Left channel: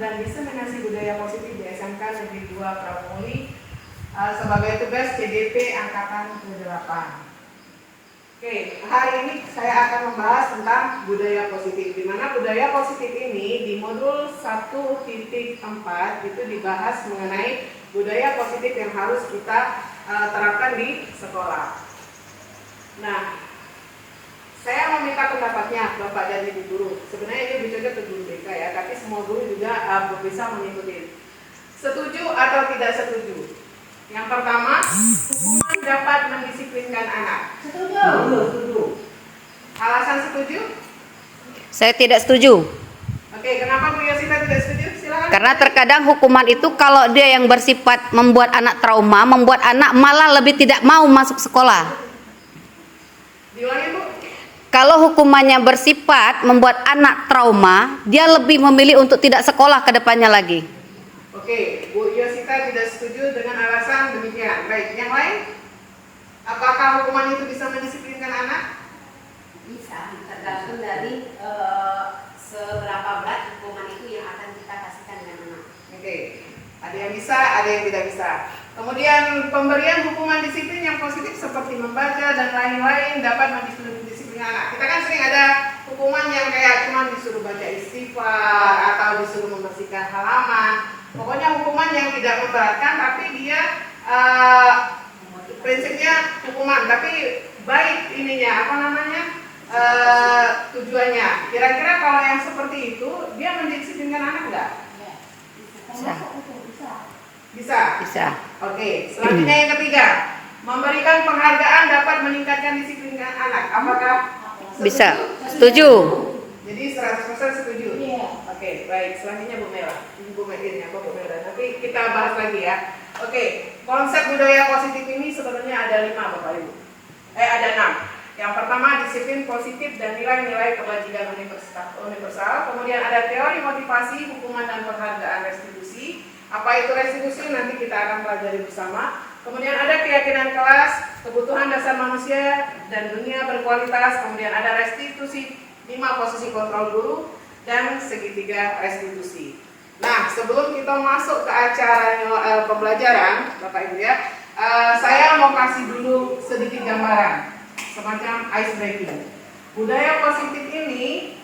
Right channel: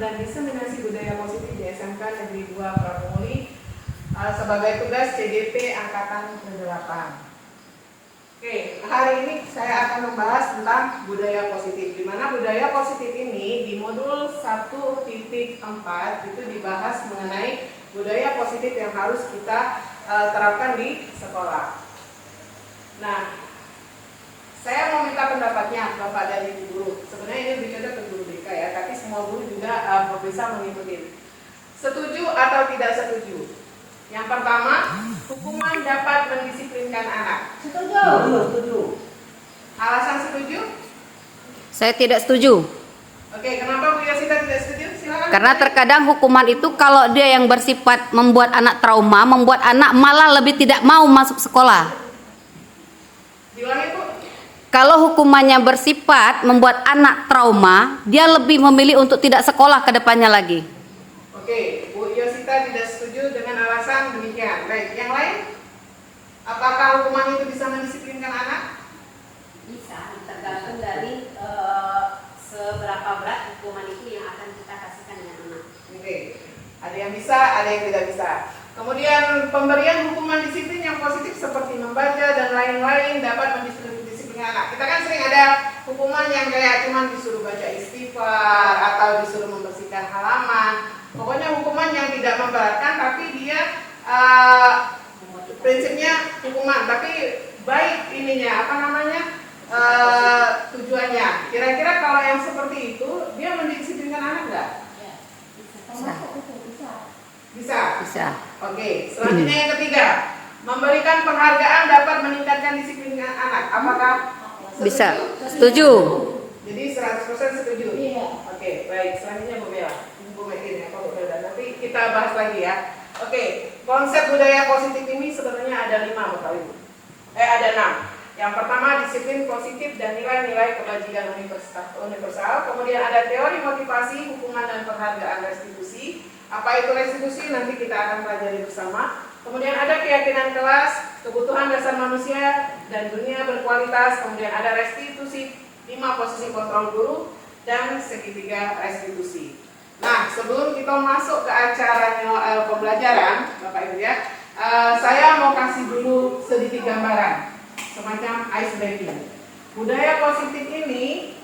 dan Diseminasi Budaya Positif di SMK Negeri 2 Pramuli sebagai tugas CDP Angkatan ke-8. Oke, hari ini saya akan membahas tentang budaya positif, di mana budaya positif ini di modul 1.4 itu dibahas mengenai budaya positif yang harus kita terapkan di sekolah. Nah, saya mau minta pendapatnya Bapak dan Ibu guru. Sebenarnya ini lebih cocok ke guru BK ya, tapi semua guru juga bisa mengikuti. Setuju atau tidak setuju? Yang pertama, hukuman dapat mendisiplinkan anak. Setuju. Setuju. Alasan setuju? Saya tidak setuju. Oke, kenapa Bu Yosita tidak setuju? Silakan. Karena terkadang hukuman itu kalau dia yang bersifat membuat anak trauma, membuat anak malah lebih tidak mau masuk sekolah. Diulangi Bu. Kalau hukumannya bersifat membuat anak trauma, dia lebih memilih untuk tidak sekolah ke depannya lagi. Oke, Bu Yosita tidak setuju dengan alasan demikian. Baik, yang lain? Apakah hukuman itu bisa mendisiplinkan anak? Bisa, tergantung dari seberapa berat hukuman itu yang akan kita kasihkan dengan anak. Oke, ada yang bisa, ada yang tidak bisa. Kemudian pemberian hukuman disiplin yang positif seperti membaca dan lain-lain dapat mendisiplinkan anak. Kita kan sering ada hukuman yang kayak cuma disuruh baca istighfar atau disuruh membersihkan halaman. Pokoknya hukuman yang tidak memberatkan, tapi dia prinsipnya hukuman, tapi baik ininya apa namanya tujuannya. Kira-kira kalau yang seperti itu dia mendisiplinkan anak nggak? Bisa. Bisa. Bisa. Oke. Selanjutnya yang ketiga, memberikan penghargaan dapat meningkatkan disiplin anak. Apakah setuju? Bisa. Setuju. Jadi 100% setuju. Iya. Oke, baik. Selanjutnya Bu Mela. Bu Medin atau Bu Mela. Nanti kita bahas lagi ya. Oke, konsep budaya positif ini sebenarnya ada 5 Bapak Ibu. Ada 6. Yang pertama disiplin positif dan nilai-nilai kebajikan universal. Kemudian ada teori motivasi, hukuman dan penghargaan restitusi. Apa itu restitusi? Nanti kita akan pelajari bersama. Kemudian ada keyakinan kelas, kebutuhan dasar manusia dan dunia berkualitas. Kemudian ada restitusi, 5 posisi kontrol guru dan segitiga restitusi. Nah, sebelum kita masuk ke acara pembelajaran, Bapak Ibu ya, saya mau kasih dulu sedikit gambaran, semacam ice breaking. Budaya positif ini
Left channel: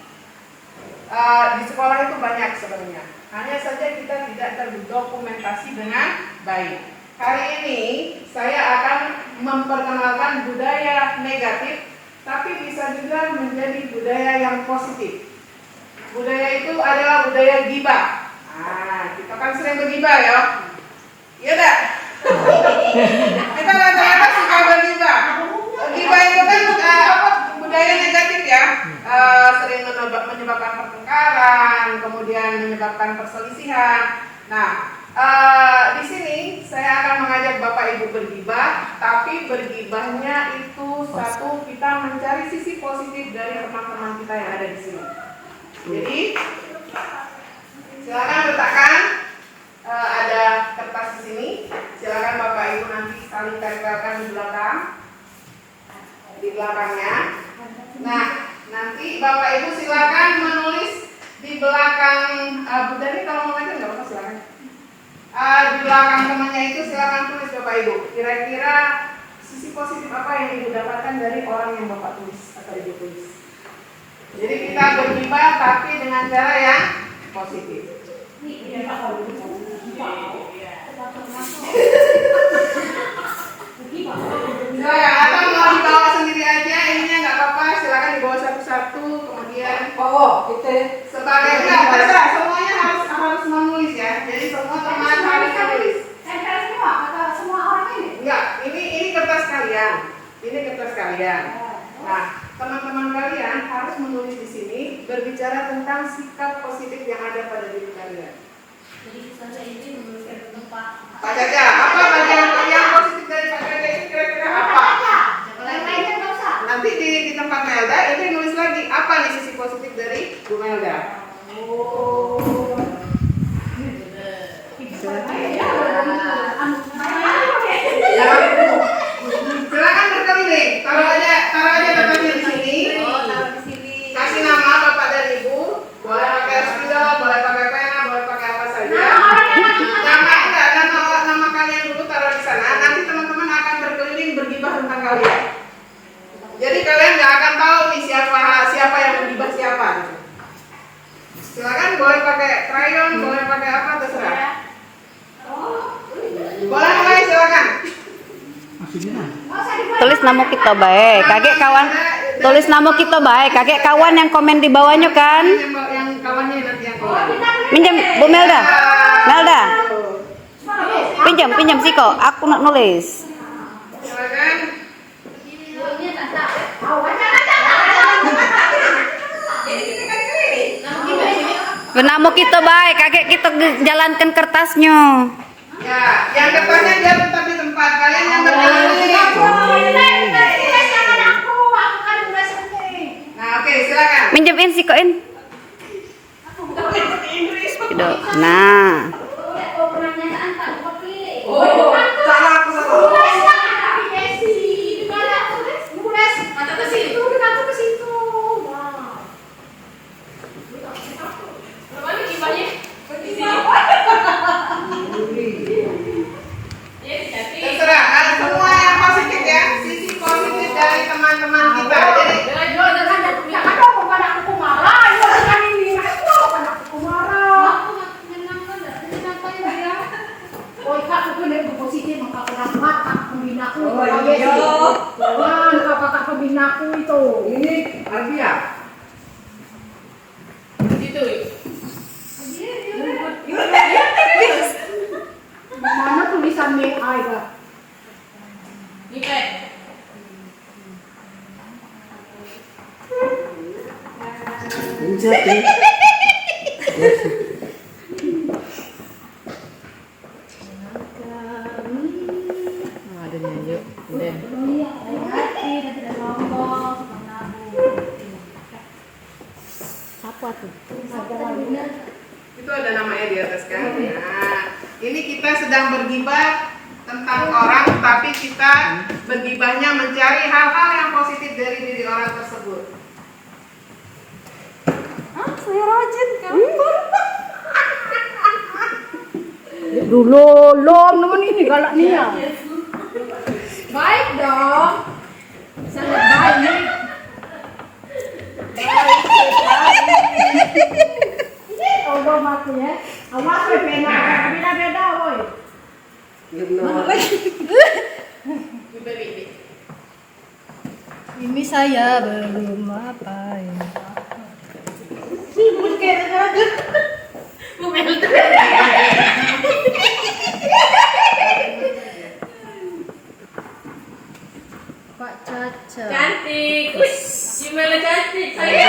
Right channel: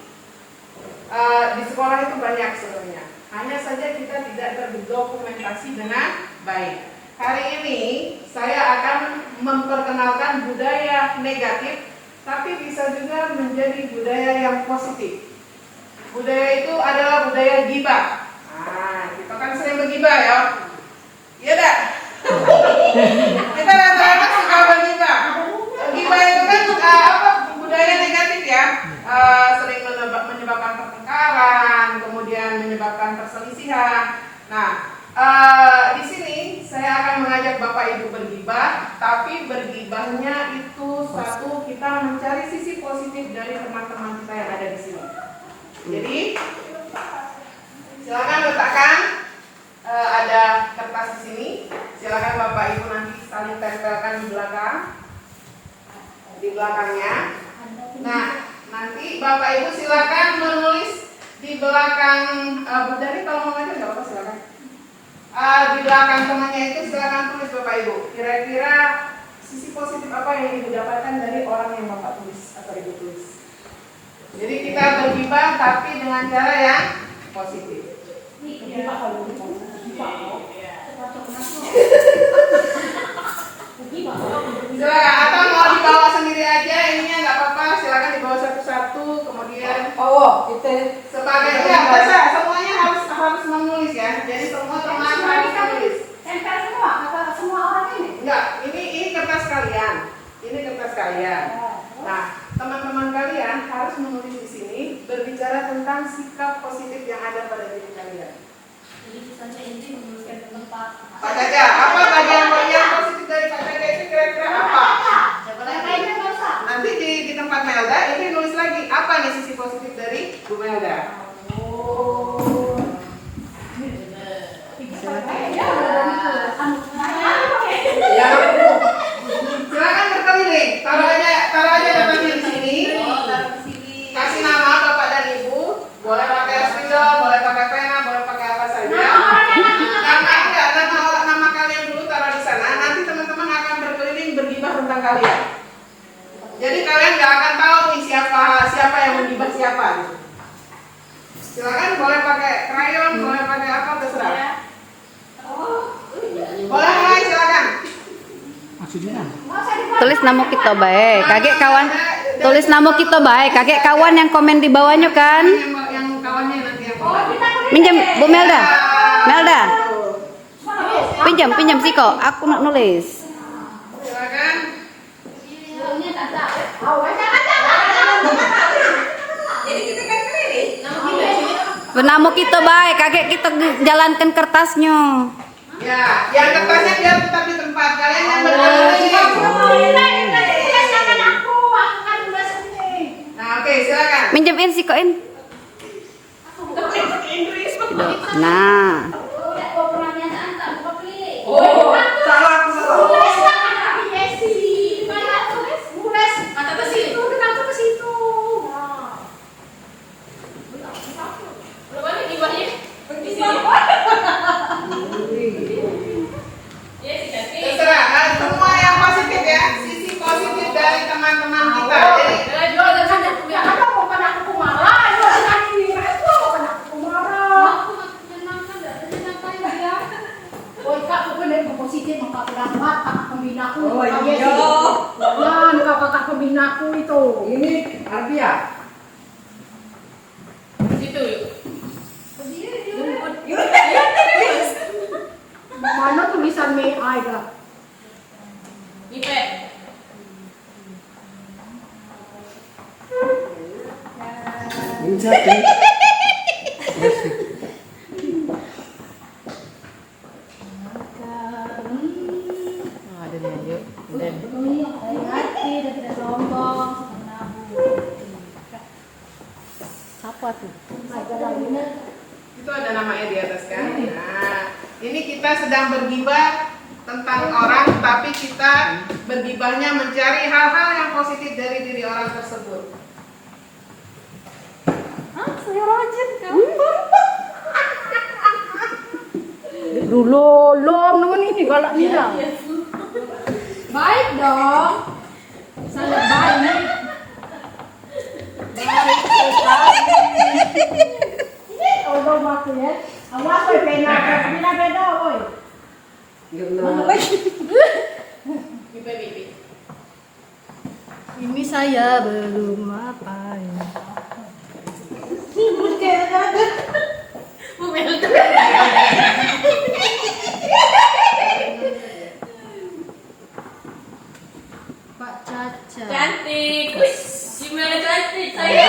di sekolah itu banyak sebenarnya. Hanya saja kita tidak terdokumentasi dengan baik. Hari ini saya akan memperkenalkan budaya negatif, tapi bisa juga menjadi budaya yang positif. Budaya itu adalah budaya gibah. Nah, kita kan sering bergibah ya. Iya tak? Kita rata-rata suka bergibah. Gibah itu kan budaya negatif ya. Sering menyebabkan pertengkaran, kemudian menyebabkan perselisihan. Nah, di sini saya akan mengajak Bapak Ibu bergibah, tapi bergibahnya itu satu, kita mencari sisi positif dari teman-teman kita yang ada di sini. Jadi silakan letakkan ada kertas di sini. Silakan Bapak Ibu nanti saling tempelkan di belakangnya. Nah, nanti Bapak Ibu silakan menulis di belakang Budari, kalau mau ngajar nggak apa silakan. Di belakang temannya itu silakan tulis Bapak Ibu. Kira-kira sisi positif apa yang Ibu dapatkan dari orang yang Bapak tulis atau Ibu tulis. Jadi kita bergibah tapi dengan cara yang positif. Atau mau dibawa sendiri aja, ininya nggak apa-apa, silakan dibawa satu-satu, kemudian sebagai enggak, semuanya harus menulis ya. Jadi semua teman harus menulis. Semua orang ini? Enggak, ini kertas kalian. Ini kertas kalian. Nah, teman-teman kalian harus menulis di sini berbicara tentang sikap positif yang ada pada diri kalian. Jadi misalnya ini menuliskan tempat. Pak Caca, apa tadi yang positif dari Pak Caca itu kira-kira apa? Lain-lainnya nggak usah. Nanti di tempat Melda ini nulis lagi apa nih sisi positif dari Bu Melda. Ya, silakan berkeliling. Taruh aja datanya di sini. Kasih nama Bapak dan Ibu. Boleh pakai spidol, boleh pakai pena, boleh pakai kalian. Jadi kalian nggak akan tahu nih siapa yang menggibah siapa. Gitu. Silakan boleh pakai krayon, boleh pakai apa terserah. Boleh mulai silakan. Tulis nama kita baik, kakek kawan. Tulis nama kita baik, kakek kawan yang komen di bawahnya kan. Yang kawannya nanti yang komen. Minjem Bu Melda. Melda. Pinjam Siko, aku nak nulis. Silakan. Nama kita baik, kakek kita jalankan kertasnya. Ya, yang kertasnya biar tetap di tempat. Kalian yang berdiri. Nah, oke, silakan. Minjemin Sikoin. Gitu. Nah. Salah aku salah. Terserah, semua yang positif ya, sisi positif dari teman-teman kita. Jadi kakak pembinaku itu. ini Arbia. Gitu. Mana tulisan AI dah? Ipet. Apa tuh? Itu ada namanya di atas kan. Nah, ini kita sedang bergibah tentang orang, tapi kita bergibahnya mencari hal-hal yang positif dari diri orang tersebut. Saya rajin kan. Dulu lom ini galaknya. Baik dong. Sangat baik. Tolong aku ya. Awas kowe beda-beda woi. Ini saya belum apa ya. Pak Caca. Cantik. Gimana cantik saya?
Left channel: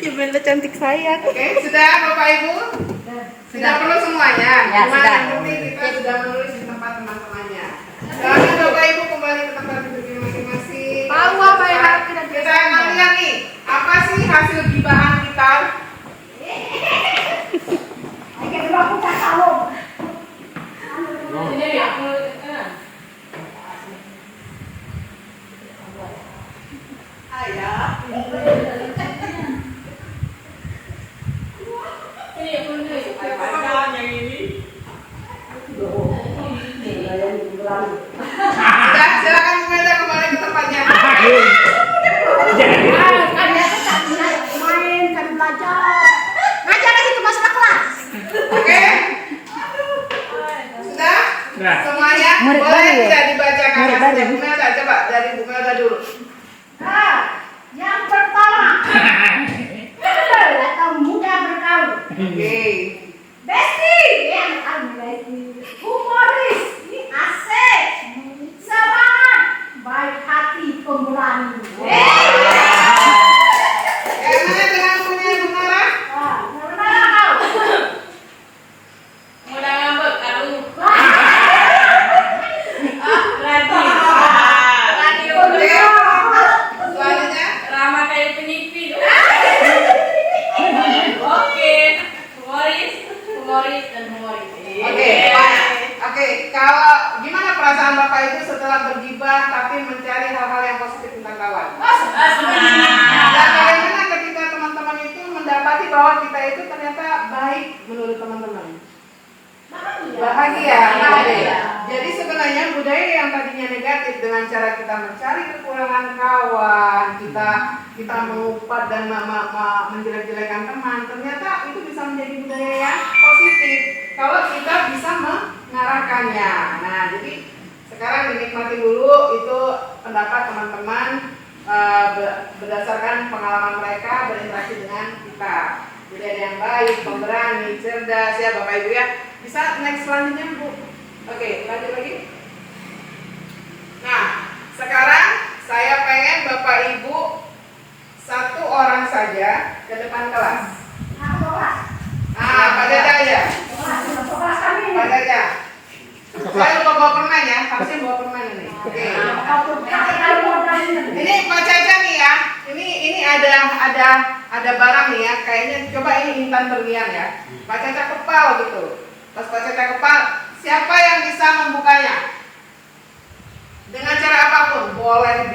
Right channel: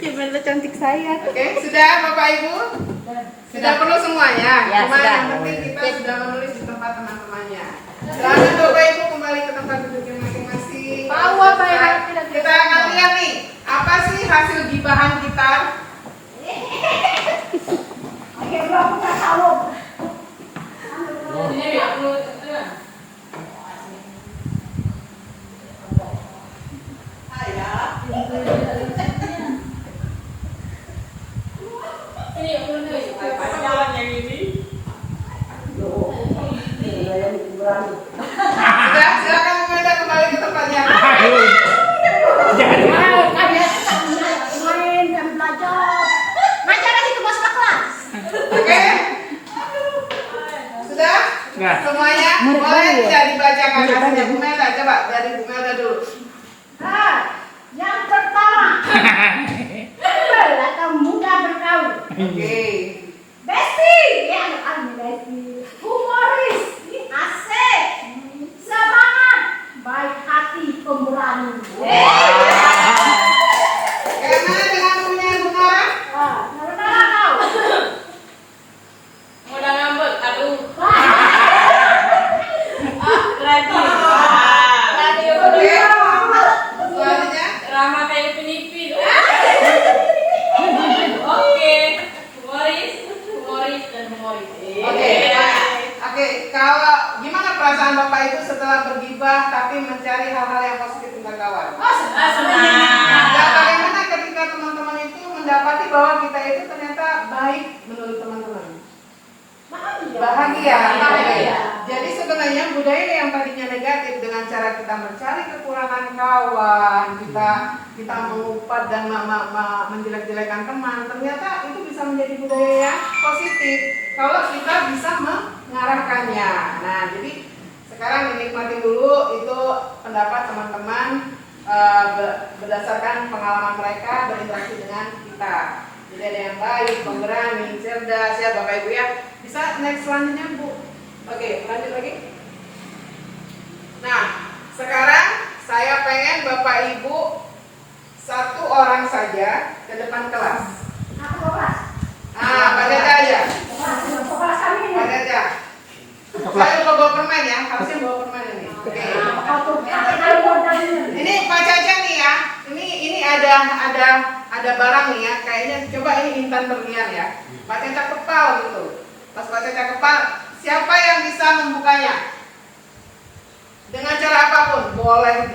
Gimana cantik saya. Oke, sudah Bapak Ibu? Sudah penuh semuanya? Ya, Cuma sudah. yang penting kita sudah menulis di tempat teman-temannya. Silakan Bapak Ibu kembali ke tempat duduknya masing-masing. Bawa bayar. Kita akan lihat nih, apa sih hasil gibahan kita? Oke, aku tak tahu. Jadi aku Sudah, silakan Bu Melda kembali ke tempatnya. Main kan belajar. Ngajar itu masuk kelas. Oke? Sudah? Semuanya? Murid Boleh baru ya? tidak dibacakan Murid hasilnya baru. Bu Melda? Coba dari Bu Melda dulu. Nah, yang pertama. Atau mudah bergaul. Oke. Besti, ya anak Besti. Humoris, asik, semangat, baik hati, pemberani. Karena dengan punya Bu Nora, Karena kau. modal ngambek, aduh. oke. Selanjutnya, Ramah kayak penipin. Oke, humoris dan humoris. oke. Oke, kalau gimana perasaan Bapak Ibu setelah bergibah tapi mencari hal-hal yang positif tentang kawan? Dan bagaimana ketika teman-teman itu mendapati bahwa kita itu ternyata baik menurut teman-teman? Bahagia. Jadi sebenarnya budaya yang tadinya negatif dengan cara kita mencari kekurangan kawan, kita mengumpat dan menjelek-jelekan teman, ternyata itu bisa menjadi budaya yang positif kalau kita bisa mengarahkannya. Nah, jadi sekarang dinikmati dulu itu pendapat teman-teman berdasarkan pengalaman mereka berinteraksi dengan kita. Jadi ada yang baik, pemberani, cerdas ya Bapak Ibu ya. Bisa next selanjutnya Bu. Oke, lanjut lagi. Nah, sekarang saya pengen Bapak Ibu satu orang saja ke depan kelas. Aku kelas. Pak Jaja aja. Kelas kami. Pak Jaja. Saya lupa bawa permen ya, harusnya bawa permen ini. Oke. Ini Pak Caca nih ya. Ini ada barang nih ya. Kayaknya coba ini intan berlian ya. Pak Caca kepal gitu. Pas Pak Caca kepal, siapa yang bisa membukanya? Dengan cara apapun, boleh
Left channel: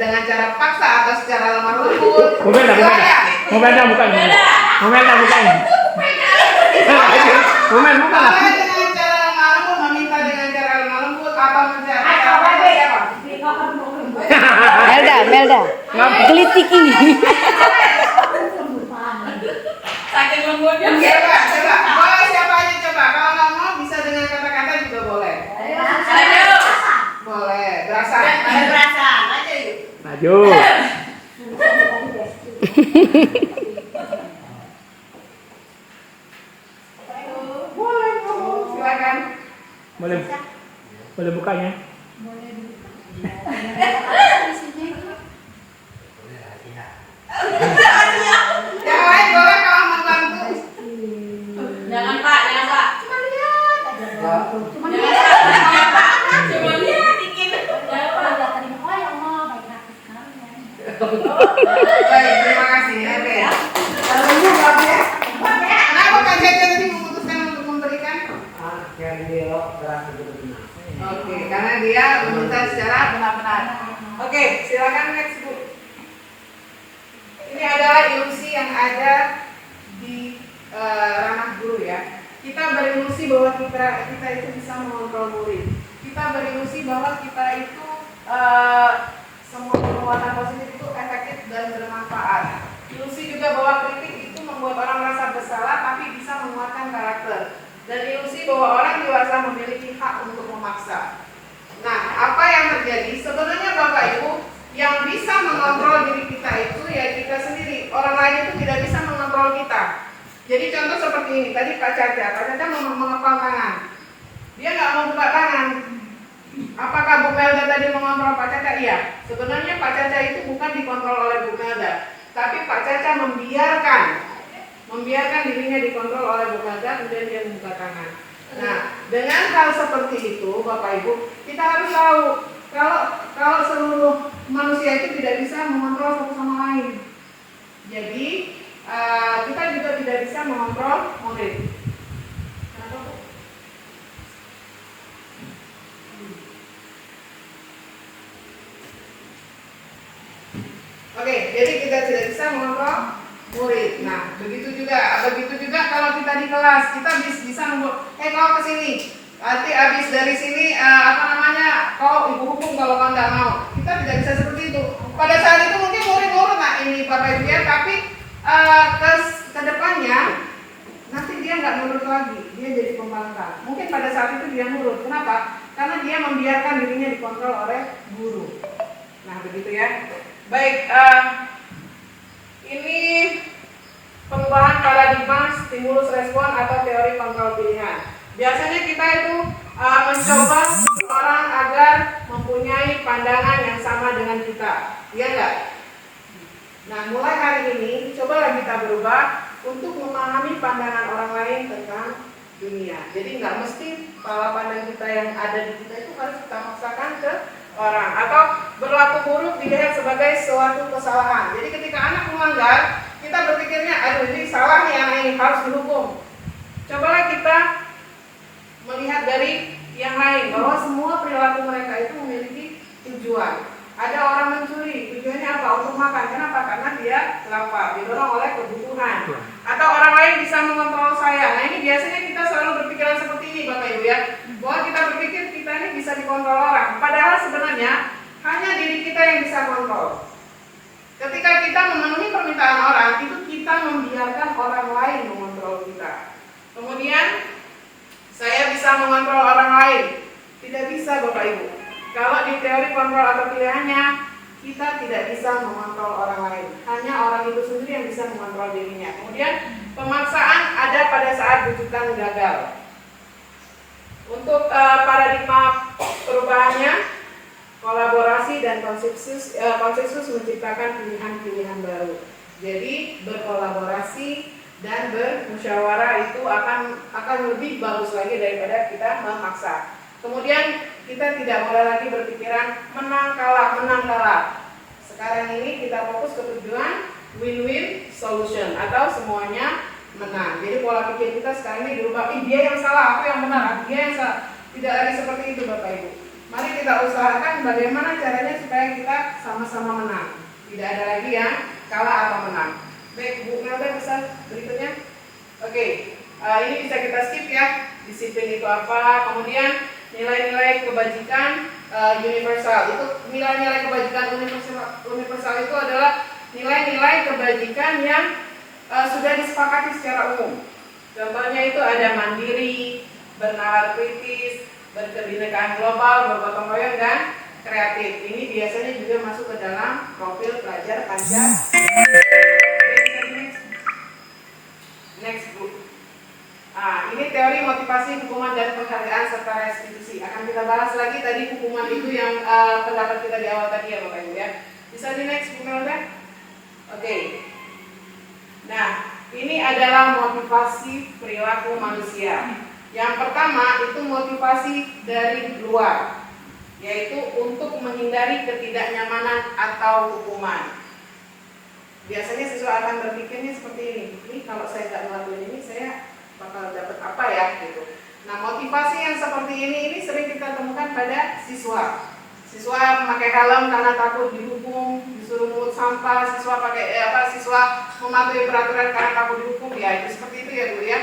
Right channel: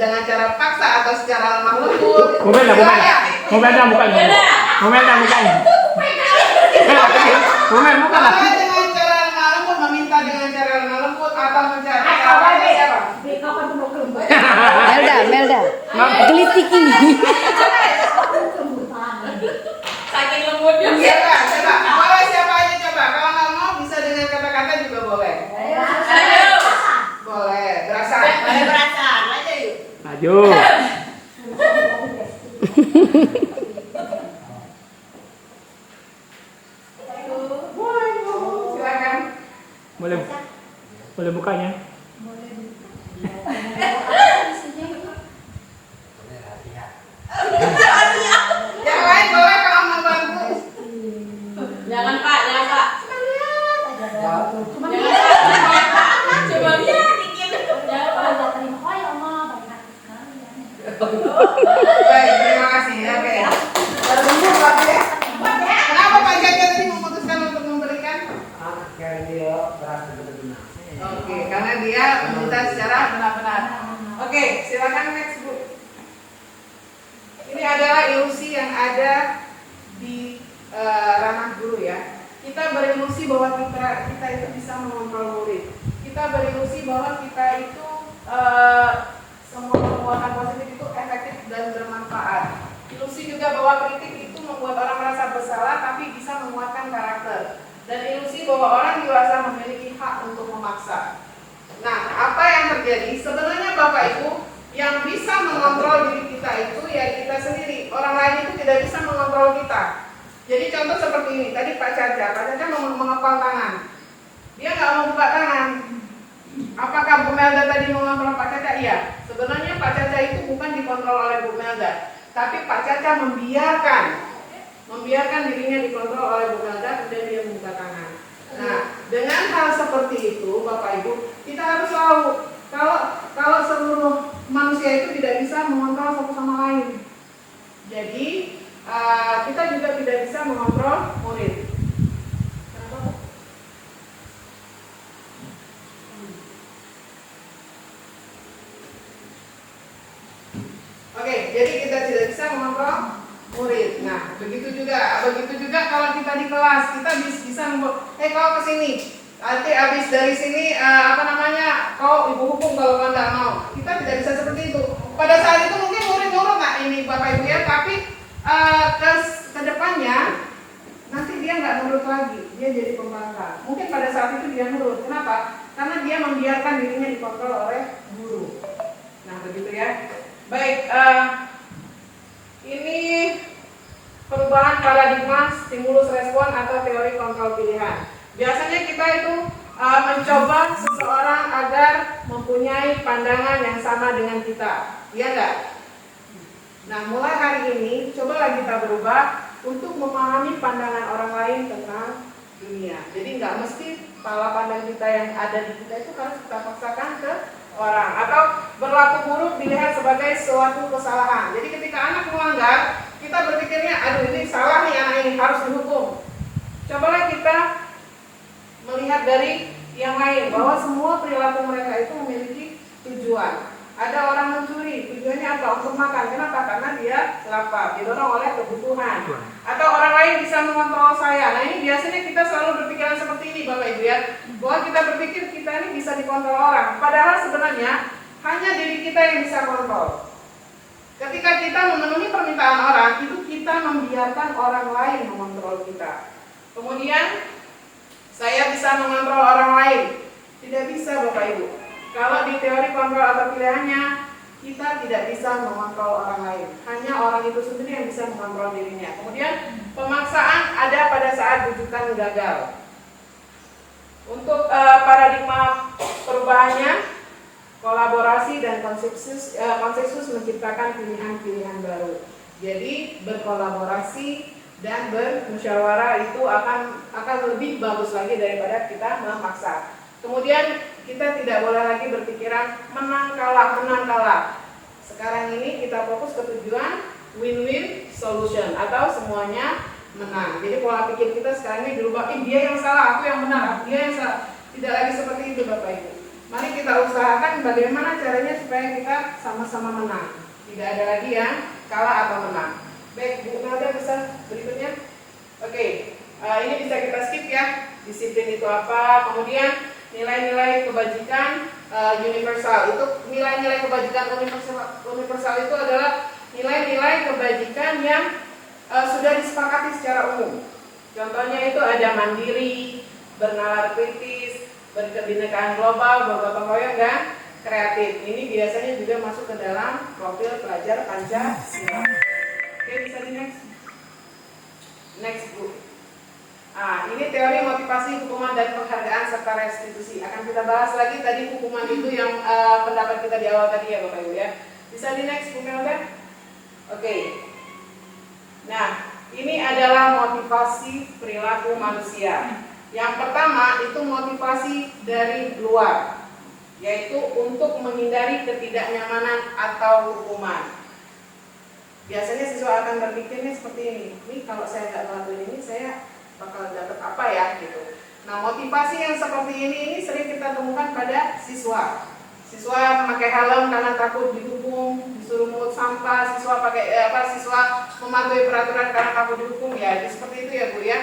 dengan cara paksa atau secara lemah lembut. Mukanya mukanya. Momen mukanya. Momen muka lah. Boleh dengan cara lemah lembut, meminta dengan cara lemah lembut atau mencari siapa? Melda, gelitik ini. Saking lembutnya. Coba. Boleh siapa aja coba. Kalau nggak mau bisa dengan kata-kata juga boleh. Ayo. Boleh, berasa. Boleh berasa, aja yuk. Maju. Boleh, silakan. Boleh bukanya. Yang lain boleh kalau mau bantu. Jangan Pak. Cuma lihat aja. Jangan Pak. Coba lihat dikit. Jangan Pak. Baik, terima kasih. Oke. Kenapa Pak Jaja tadi memutuskan untuk memberikan? Oke, karena dia meminta secara benar-benar. Oke, silakan next Bu. Ini adalah ilusi yang ada di ranah guru ya. Kita berilusi bahwa kita itu bisa mengontrol murid. Kita berilusi bahwa kita itu semua perbuatan positif itu efektif dan bermanfaat. Ilusi juga bahwa kritik itu membuat orang merasa bersalah tapi bisa menguatkan karakter. Dan ilusi bahwa orang dewasa memiliki hak untuk memaksa. Nah, apa yang terjadi? Sebenarnya Bapak Ibu, yang bisa mengontrol diri kita itu ya kita sendiri. Orang lain itu tidak bisa mengontrol kita. Jadi contoh seperti ini, tadi Pak Caca mau mengepal tangan. Dia nggak mau buka tangan. Apakah Bu Melda tadi mengontrol Pak Caca? Iya. Sebenarnya Pak Caca itu bukan dikontrol oleh Bu Melda, tapi Pak Caca membiarkan dirinya dikontrol oleh Bu Melda, kemudian dia membuka tangan. Nah, dengan hal seperti itu, Bapak Ibu, kita harus tahu kalau seluruh manusia itu tidak bisa mengontrol satu sama lain. Jadi kita juga tidak bisa mengontrol murid. Kenapa Bu? Oke, jadi kita tidak bisa mengontrol murid. Nah, begitu juga kalau kita di kelas, kita bisa kau ke sini. Nanti habis dari sini kau ibu hukum kalau kau nggak mau. Kita tidak bisa seperti itu. Pada saat itu mungkin murid nurut, nah ini Bapak Ibu ya, tapi ke depannya nanti dia nggak nurut lagi, dia jadi pembangkang. Mungkin pada saat itu dia nurut. Kenapa? Karena dia membiarkan dirinya dikontrol oleh guru. Nah, begitu ya. Baik, ini perubahan paradigma stimulus respon atau teori kontrol pilihan. Biasanya kita itu mencoba seseorang agar mempunyai pandangan yang sama dengan kita, ya enggak? Nah, mulai hari ini cobalah kita berubah untuk memahami pandangan orang lain tentang dunia. Jadi nggak mesti pola pandang kita yang ada di kita itu harus kita paksakan ke orang, atau berlaku buruk dilihat sebagai suatu kesalahan. Jadi ketika anak melanggar, kita berpikirnya, aduh ini salah nih anak ini, harus dihukum. Cobalah kita melihat dari yang lain, bahwa semua perilaku mereka itu memiliki tujuan. Ada orang mencuri, tujuannya apa? Untuk makan. Kenapa? Karena dia lapar, didorong oleh kebutuhan. atau orang lain bisa mengontrol saya. Nah ini biasanya kita selalu berpikiran seperti ini Bapak Ibu ya, bahwa kita berpikir kita ini bisa dikontrol orang, padahal sebenarnya hanya diri kita yang bisa kontrol. Ketika kita memenuhi permintaan orang, itu kita membiarkan orang lain mengontrol kita. Kemudian saya bisa mengontrol orang lain, tidak bisa Bapak Ibu. Kalau di teori kontrol atau pilihannya, kita tidak bisa mengontrol orang lain, hanya orang itu sendiri yang bisa mengontrol dirinya. Kemudian pemaksaan ada pada saat rujukan gagal. Untuk paradigma perubahannya, kolaborasi dan konsensus menciptakan pilihan-pilihan baru. Jadi berkolaborasi dan bermusyawarah itu akan lebih bagus lagi daripada kita memaksa. Kemudian kita tidak boleh lagi berpikiran menang kalah. Sekarang ini kita fokus ke tujuan win-win solution atau semuanya menang. Jadi pola pikir kita sekarang ini dirubah, dia yang salah, aku yang benar, dia yang salah. Tidak lagi seperti itu Bapak Ibu. Mari kita usahakan bagaimana caranya supaya kita sama-sama menang. Tidak ada lagi yang kalah atau menang. Baik, Bu Melda pesan berikutnya. Oke, ini bisa kita skip ya. Disiplin itu apa? Kemudian nilai-nilai kebajikan universal. Itu nilai-nilai kebajikan universal itu adalah nilai-nilai kebajikan yang sudah disepakati secara umum. Contohnya itu ada mandiri, bernalar kritis, berkebinekaan global, bergotong royong dan kreatif. Ini biasanya juga masuk ke dalam profil pelajar Pancasila. Next group. Ini teori motivasi, hukuman dan penghargaan serta restitusi. Akan kita bahas lagi tadi hukuman itu yang pendapat kita di awal tadi ya Bapak Ibu ya. Bisa di next Bu Melda? Oke. Nah, ini adalah motivasi perilaku manusia. Yang pertama itu motivasi dari luar, yaitu untuk menghindari ketidaknyamanan atau hukuman. Biasanya siswa akan berpikirnya seperti ini kalau saya nggak ngelakuin ini, saya bakal dapat apa ya gitu. Nah motivasi yang seperti ini sering kita temukan pada siswa. Siswa memakai helm karena takut dihukum, disuruh mungut sampah, siswa siswa mematuhi peraturan karena takut dihukum, ya itu seperti itu ya Bu ya.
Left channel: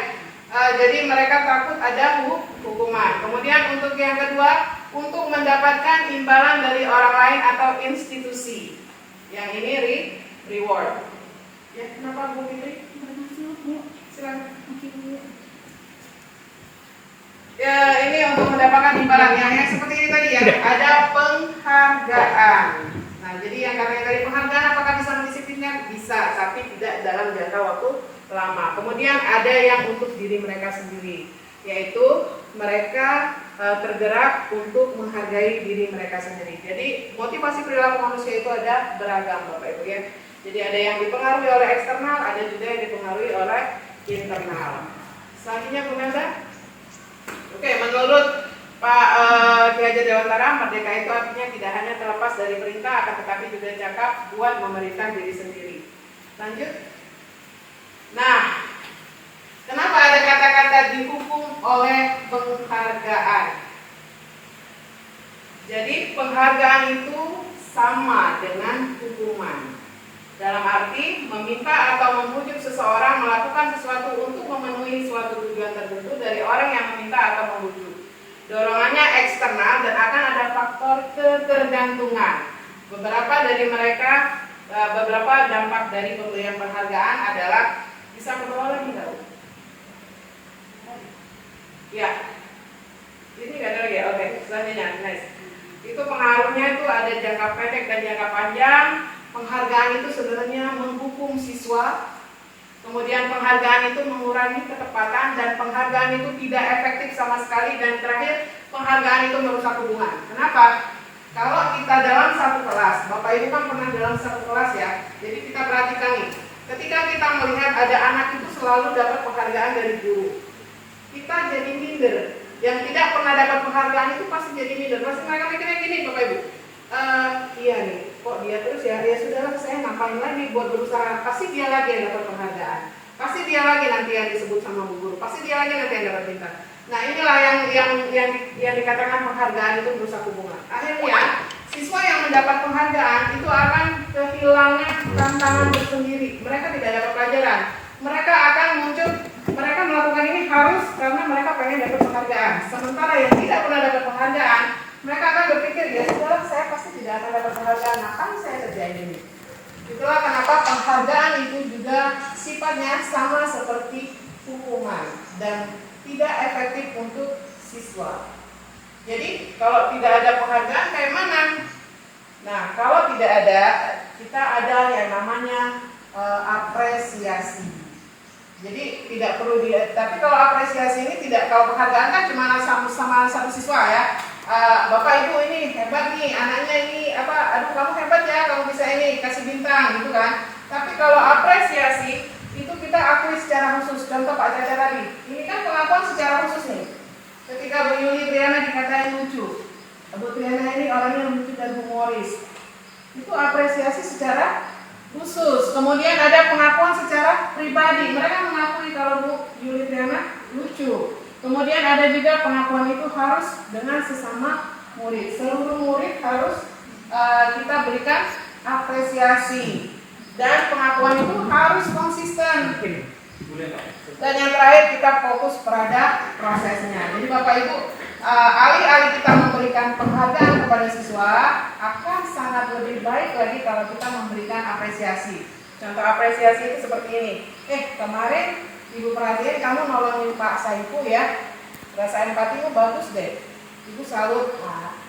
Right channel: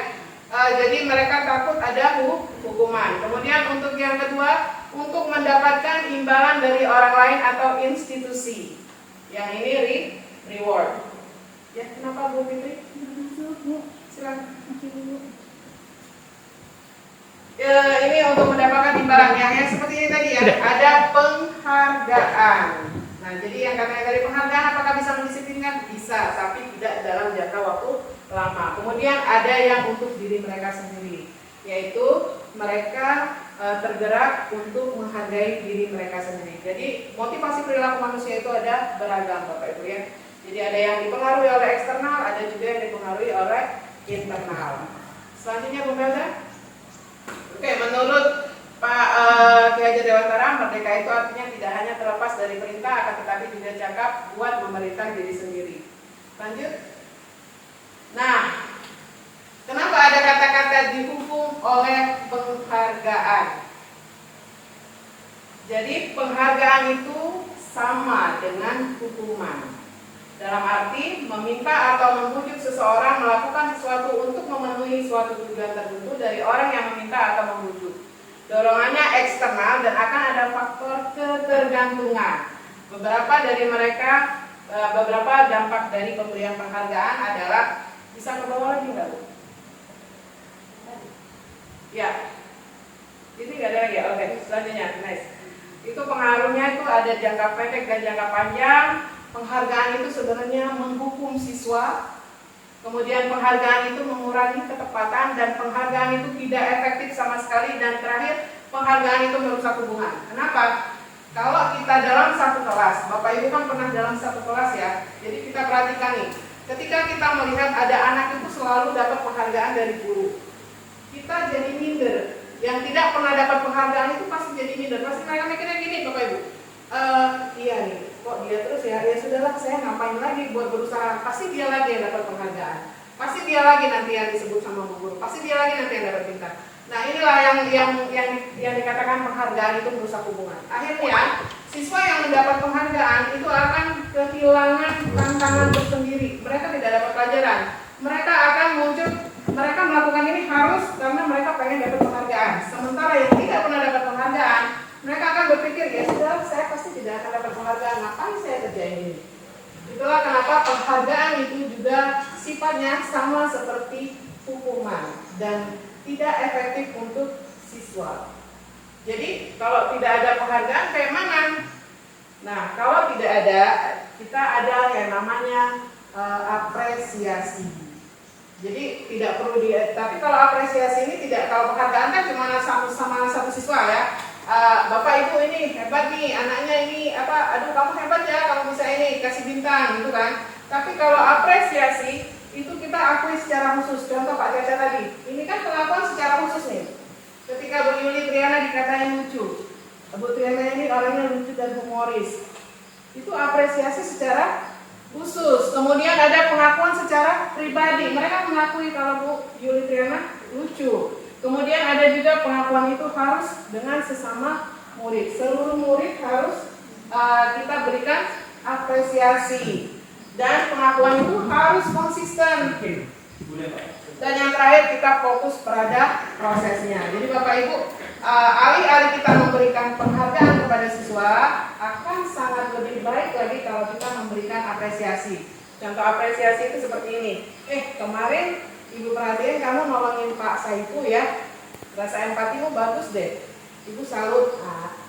Jadi mereka takut ada hukuman. Kemudian untuk yang kedua, untuk mendapatkan imbalan dari orang lain atau institusi. Yang ini reward. Ya, kenapa Bu Fitri? Silakan. Ya, ini untuk mendapatkan imbalannya ya, seperti ini tadi ya, ada penghargaan. Nah, jadi yang katanya tadi penghargaan apakah bisa mendisiplinkan? Bisa, tapi tidak dalam jangka waktu lama. Kemudian ada yang untuk diri mereka sendiri, yaitu mereka tergerak untuk menghargai diri mereka sendiri. Jadi motivasi perilaku manusia itu ada beragam Bapak Ibu ya. Jadi ada yang dipengaruhi oleh eksternal, ada juga yang dipengaruhi oleh internal. Selanjutnya Bu Melda. Oke, menurut Pak Ki Hajar Dewantara, merdeka itu artinya tidak hanya terlepas dari perintah, akan tetapi juga cakap buat memerintah diri sendiri. Lanjut. Nah, kenapa ada kata-kata dihukum oleh penghargaan? Jadi penghargaan itu sama dengan hukuman. Dalam arti meminta atau membujuk seseorang melakukan sesuatu untuk memenuhi suatu tujuan tertentu dari orang yang meminta atau membujuk. Dorongannya eksternal dan akan ada faktor ketergantungan. Beberapa dampak dari pemberian penghargaan adalah, bisa ke bawah lagi tahu? Ya, ini nggak ada lagi ya. Oke, selanjutnya, nice. Itu pengaruhnya itu ada jangka pendek dan jangka panjang. Penghargaan itu sebenarnya menghukum siswa, kemudian penghargaan itu mengurangi ketepatan, dan penghargaan itu tidak efektif sama sekali, dan terakhir penghargaan itu merusak hubungan. Kenapa? Kalau kita dalam satu kelas, Bapak Ibu kan pernah dalam satu kelas ya, jadi kita perhatikan nih, ketika kita melihat ada anak itu selalu dapat penghargaan dari guru, kita jadi minder. Yang tidak pernah dapat penghargaan itu pasti jadi minder, pasti mereka mikirnya gini Bapak Ibu, iya nih, kok dia terus ya sudahlah, saya ngapain lagi buat berusaha, pasti dia lagi yang dapat penghargaan, pasti dia lagi nanti yang disebut sama guru, pasti dia lagi nanti yang dapat bintang. Nah inilah yang dikatakan penghargaan itu merusak hubungan. Akhirnya siswa yang mendapat penghargaan itu akan kehilangan tantangan tersendiri, mereka tidak dapat pelajaran. mereka akan muncul, mereka melakukan ini harus karena mereka pengen dapat penghargaan. Sementara yang tidak pernah dapat penghargaan, mereka akan berpikir, ya sudah, saya pasti tidak akan dapat penghargaan, ngapain saya kerjain ini? Itulah kenapa penghargaan itu juga sifatnya sama seperti hukuman dan tidak efektif untuk siswa. Jadi kalau tidak ada penghargaan kayak mana? Nah, kalau tidak ada, kita ada yang namanya apresiasi. Jadi tidak perlu tapi kalau apresiasi ini tidak, kalau penghargaan kan cuma sama satu siswa ya. Bapak Ibu ini hebat nih, anaknya ini aduh kamu hebat ya, kamu bisa ini, kasih bintang gitu kan. Tapi kalau apresiasi itu kita akui secara khusus. Contoh Pak Caca tadi, ini kan pengakuan secara khusus nih. Ketika Bu Yuli Triana dikatain lucu, Bu Triana ini orangnya lucu dan humoris, itu apresiasi secara khusus. Kemudian ada pengakuan secara pribadi, mereka mengakui kalau Bu Yuli Triana lucu. Kemudian ada juga pengakuan itu harus dengan sesama murid. Seluruh murid harus kita berikan apresiasi. Dan pengakuan itu harus konsisten. Dan yang terakhir kita fokus pada prosesnya. Jadi Bapak Ibu, alih-alih kita memberikan penghargaan kepada siswa, akan sangat lebih baik lagi kalau kita memberikan apresiasi. Contoh apresiasi itu seperti ini. Kemarin Ibu perhatiin kamu nolongin Pak Saifu ya, rasa empatimu bagus deh. Ibu salut.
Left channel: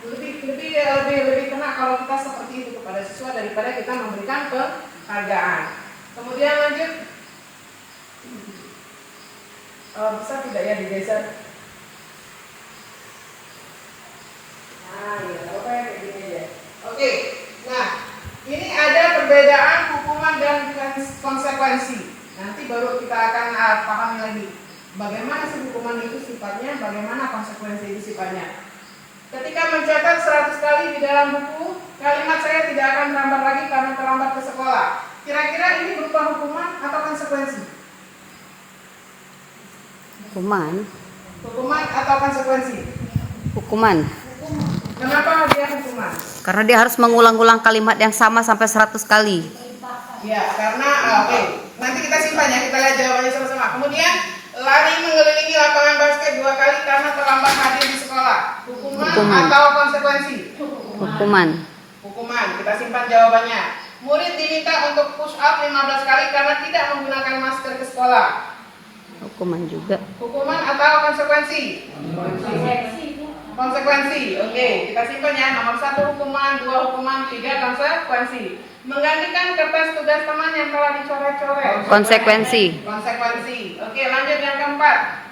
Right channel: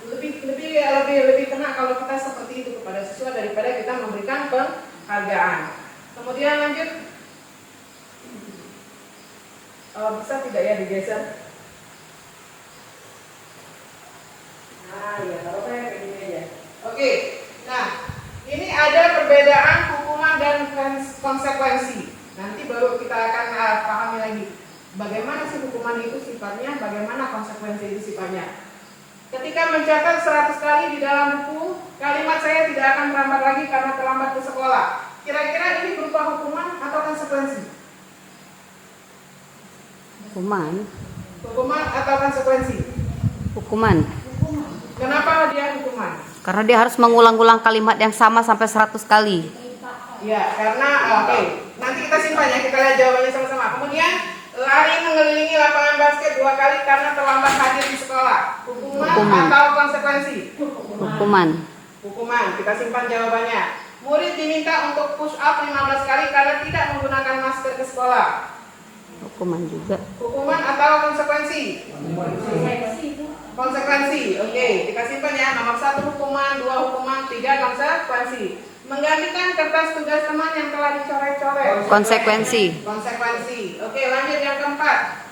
Lebih kena kalau kita seperti itu kepada siswa daripada kita memberikan penghargaan. Kemudian lanjut. Kalau bisa tidak ya digeser. Ya kalau kayak gini aja. Oke. Nah, ini ada perbedaan hukuman dan konsekuensi. Nanti baru kita akan pahami lagi bagaimana sih hukuman itu sifatnya, bagaimana konsekuensi itu sifatnya. Ketika mencatat 100 kali di dalam buku, kalimat saya tidak akan terlambat lagi karena terlambat ke sekolah. Kira-kira ini berupa hukuman atau konsekuensi? Hukuman. Hukuman atau konsekuensi? Hukuman. Kenapa dia hukuman? Karena dia harus mengulang-ulang kalimat yang sama sampai 100 kali. Ya, karena nanti kita simpan ya, kita lihat jawabannya sama-sama. Kemudian lari mengelilingi lapangan basket 2 kali karena terlambat hadir di sekolah. Hukuman. Atau konsekuensi? Hukuman. Hukuman. Kita simpan jawabannya. Murid diminta untuk push up 15 kali karena tidak menggunakan masker ke sekolah. Hukuman juga. Hukuman atau konsekuensi? Konsekuensi. Oke, kita simpan ya. Nomor 1 hukuman, 2 hukuman, 3 konsekuensi. Menggantikan kertas tugas teman yang telah dicoret-coret. Konsekuensi. Konsekuensi. Oke, lanjut yang keempat.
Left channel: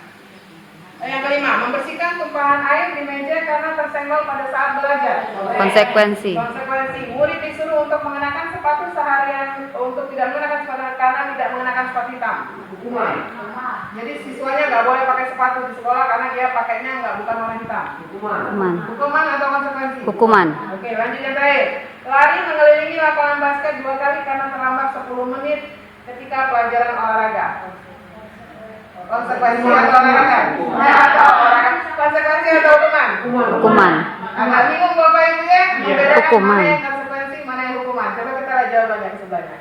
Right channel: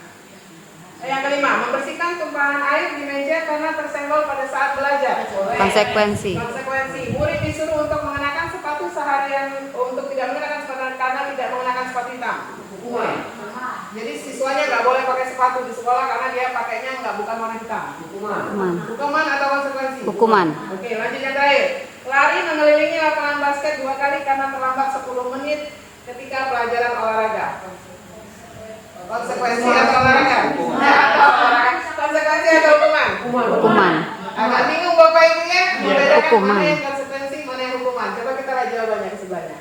Yang kelima, membersihkan tumpahan air di meja karena tersenggol pada saat belajar. Konsekuensi. Konsekuensi. Murid disuruh untuk mengenakan sepatu seharian, untuk tidak menggunakan sepatu karena tidak mengenakan sepatu hitam. Hukuman. Jadi siswanya nggak boleh pakai sepatu di sekolah karena dia pakainya bukan warna hitam. Hukuman. Hukuman atau konsekuensi? Hukuman. Oke, lanjut yang terakhir. Lari mengelilingi lapangan basket 2 kali karena terlambat 10 menit ketika pelajaran olahraga. Konsekuensi atau olahraga? Konsekuensi atau hukuman? Hukuman. Agak bingung Bapak Ibu ya? Membedakan Hukuman. mana yang konsekuensi, mana yang hukuman. Coba kita lihat jawabannya ke sebelahnya.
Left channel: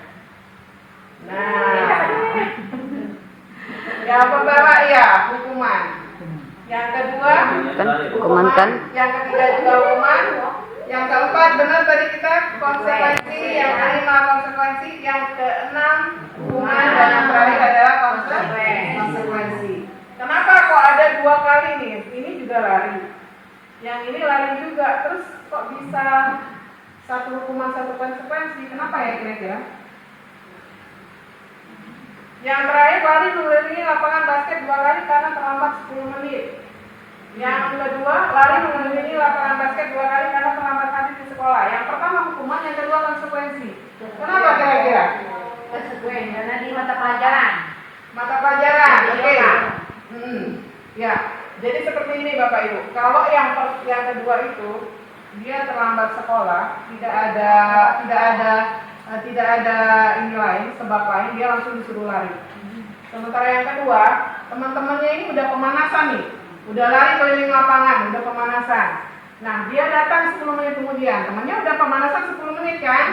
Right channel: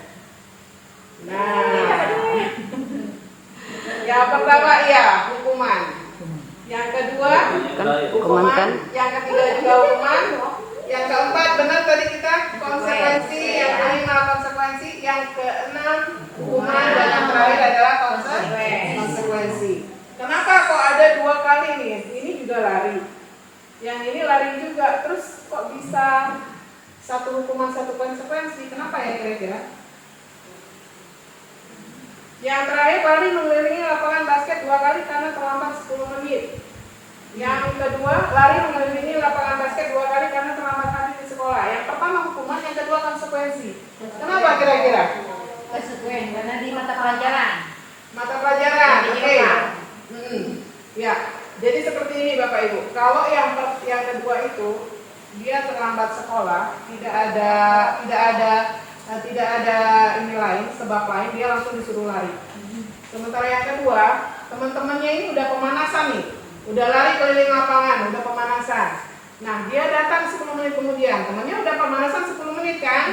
Nah, yang pertama iya, hukuman. Yang kedua, Kan hukuman kan? Yang ketiga juga hukuman. Yang keempat benar tadi kita konsekuensi. Yang kelima konsekuensi. Yang keenam hukuman. Dan yang terakhir adalah konsekuensi. Kenapa kok ada 2 kali nih? Ini juga lari. Yang ini lari juga. Terus kok bisa 1 hukuman 1 konsekuensi? Kenapa ya kira-kira? Yang terakhir lari mengelilingi lapangan basket 2 kali karena terlambat 10 menit. Yang kedua lari mengelilingi lapangan basket 2 kali karena terlambat hadir di sekolah. Yang pertama hukuman, yang kedua konsekuensi. Kenapa kira-kira? Konsekuensi karena di mata pelajaran. Mata pelajaran. Oke. Ya. Jadi seperti ini Bapak Ibu. Kalau yang kedua itu dia terlambat sekolah, tidak ada ini lain, sebab lain, dia langsung disuruh lari. Sementara yang kedua, teman-temannya ini udah pemanasan nih, udah lari keliling lapangan, udah pemanasan. Nah, dia datang 10 menit kemudian, temannya udah pemanasan 10 menit kan?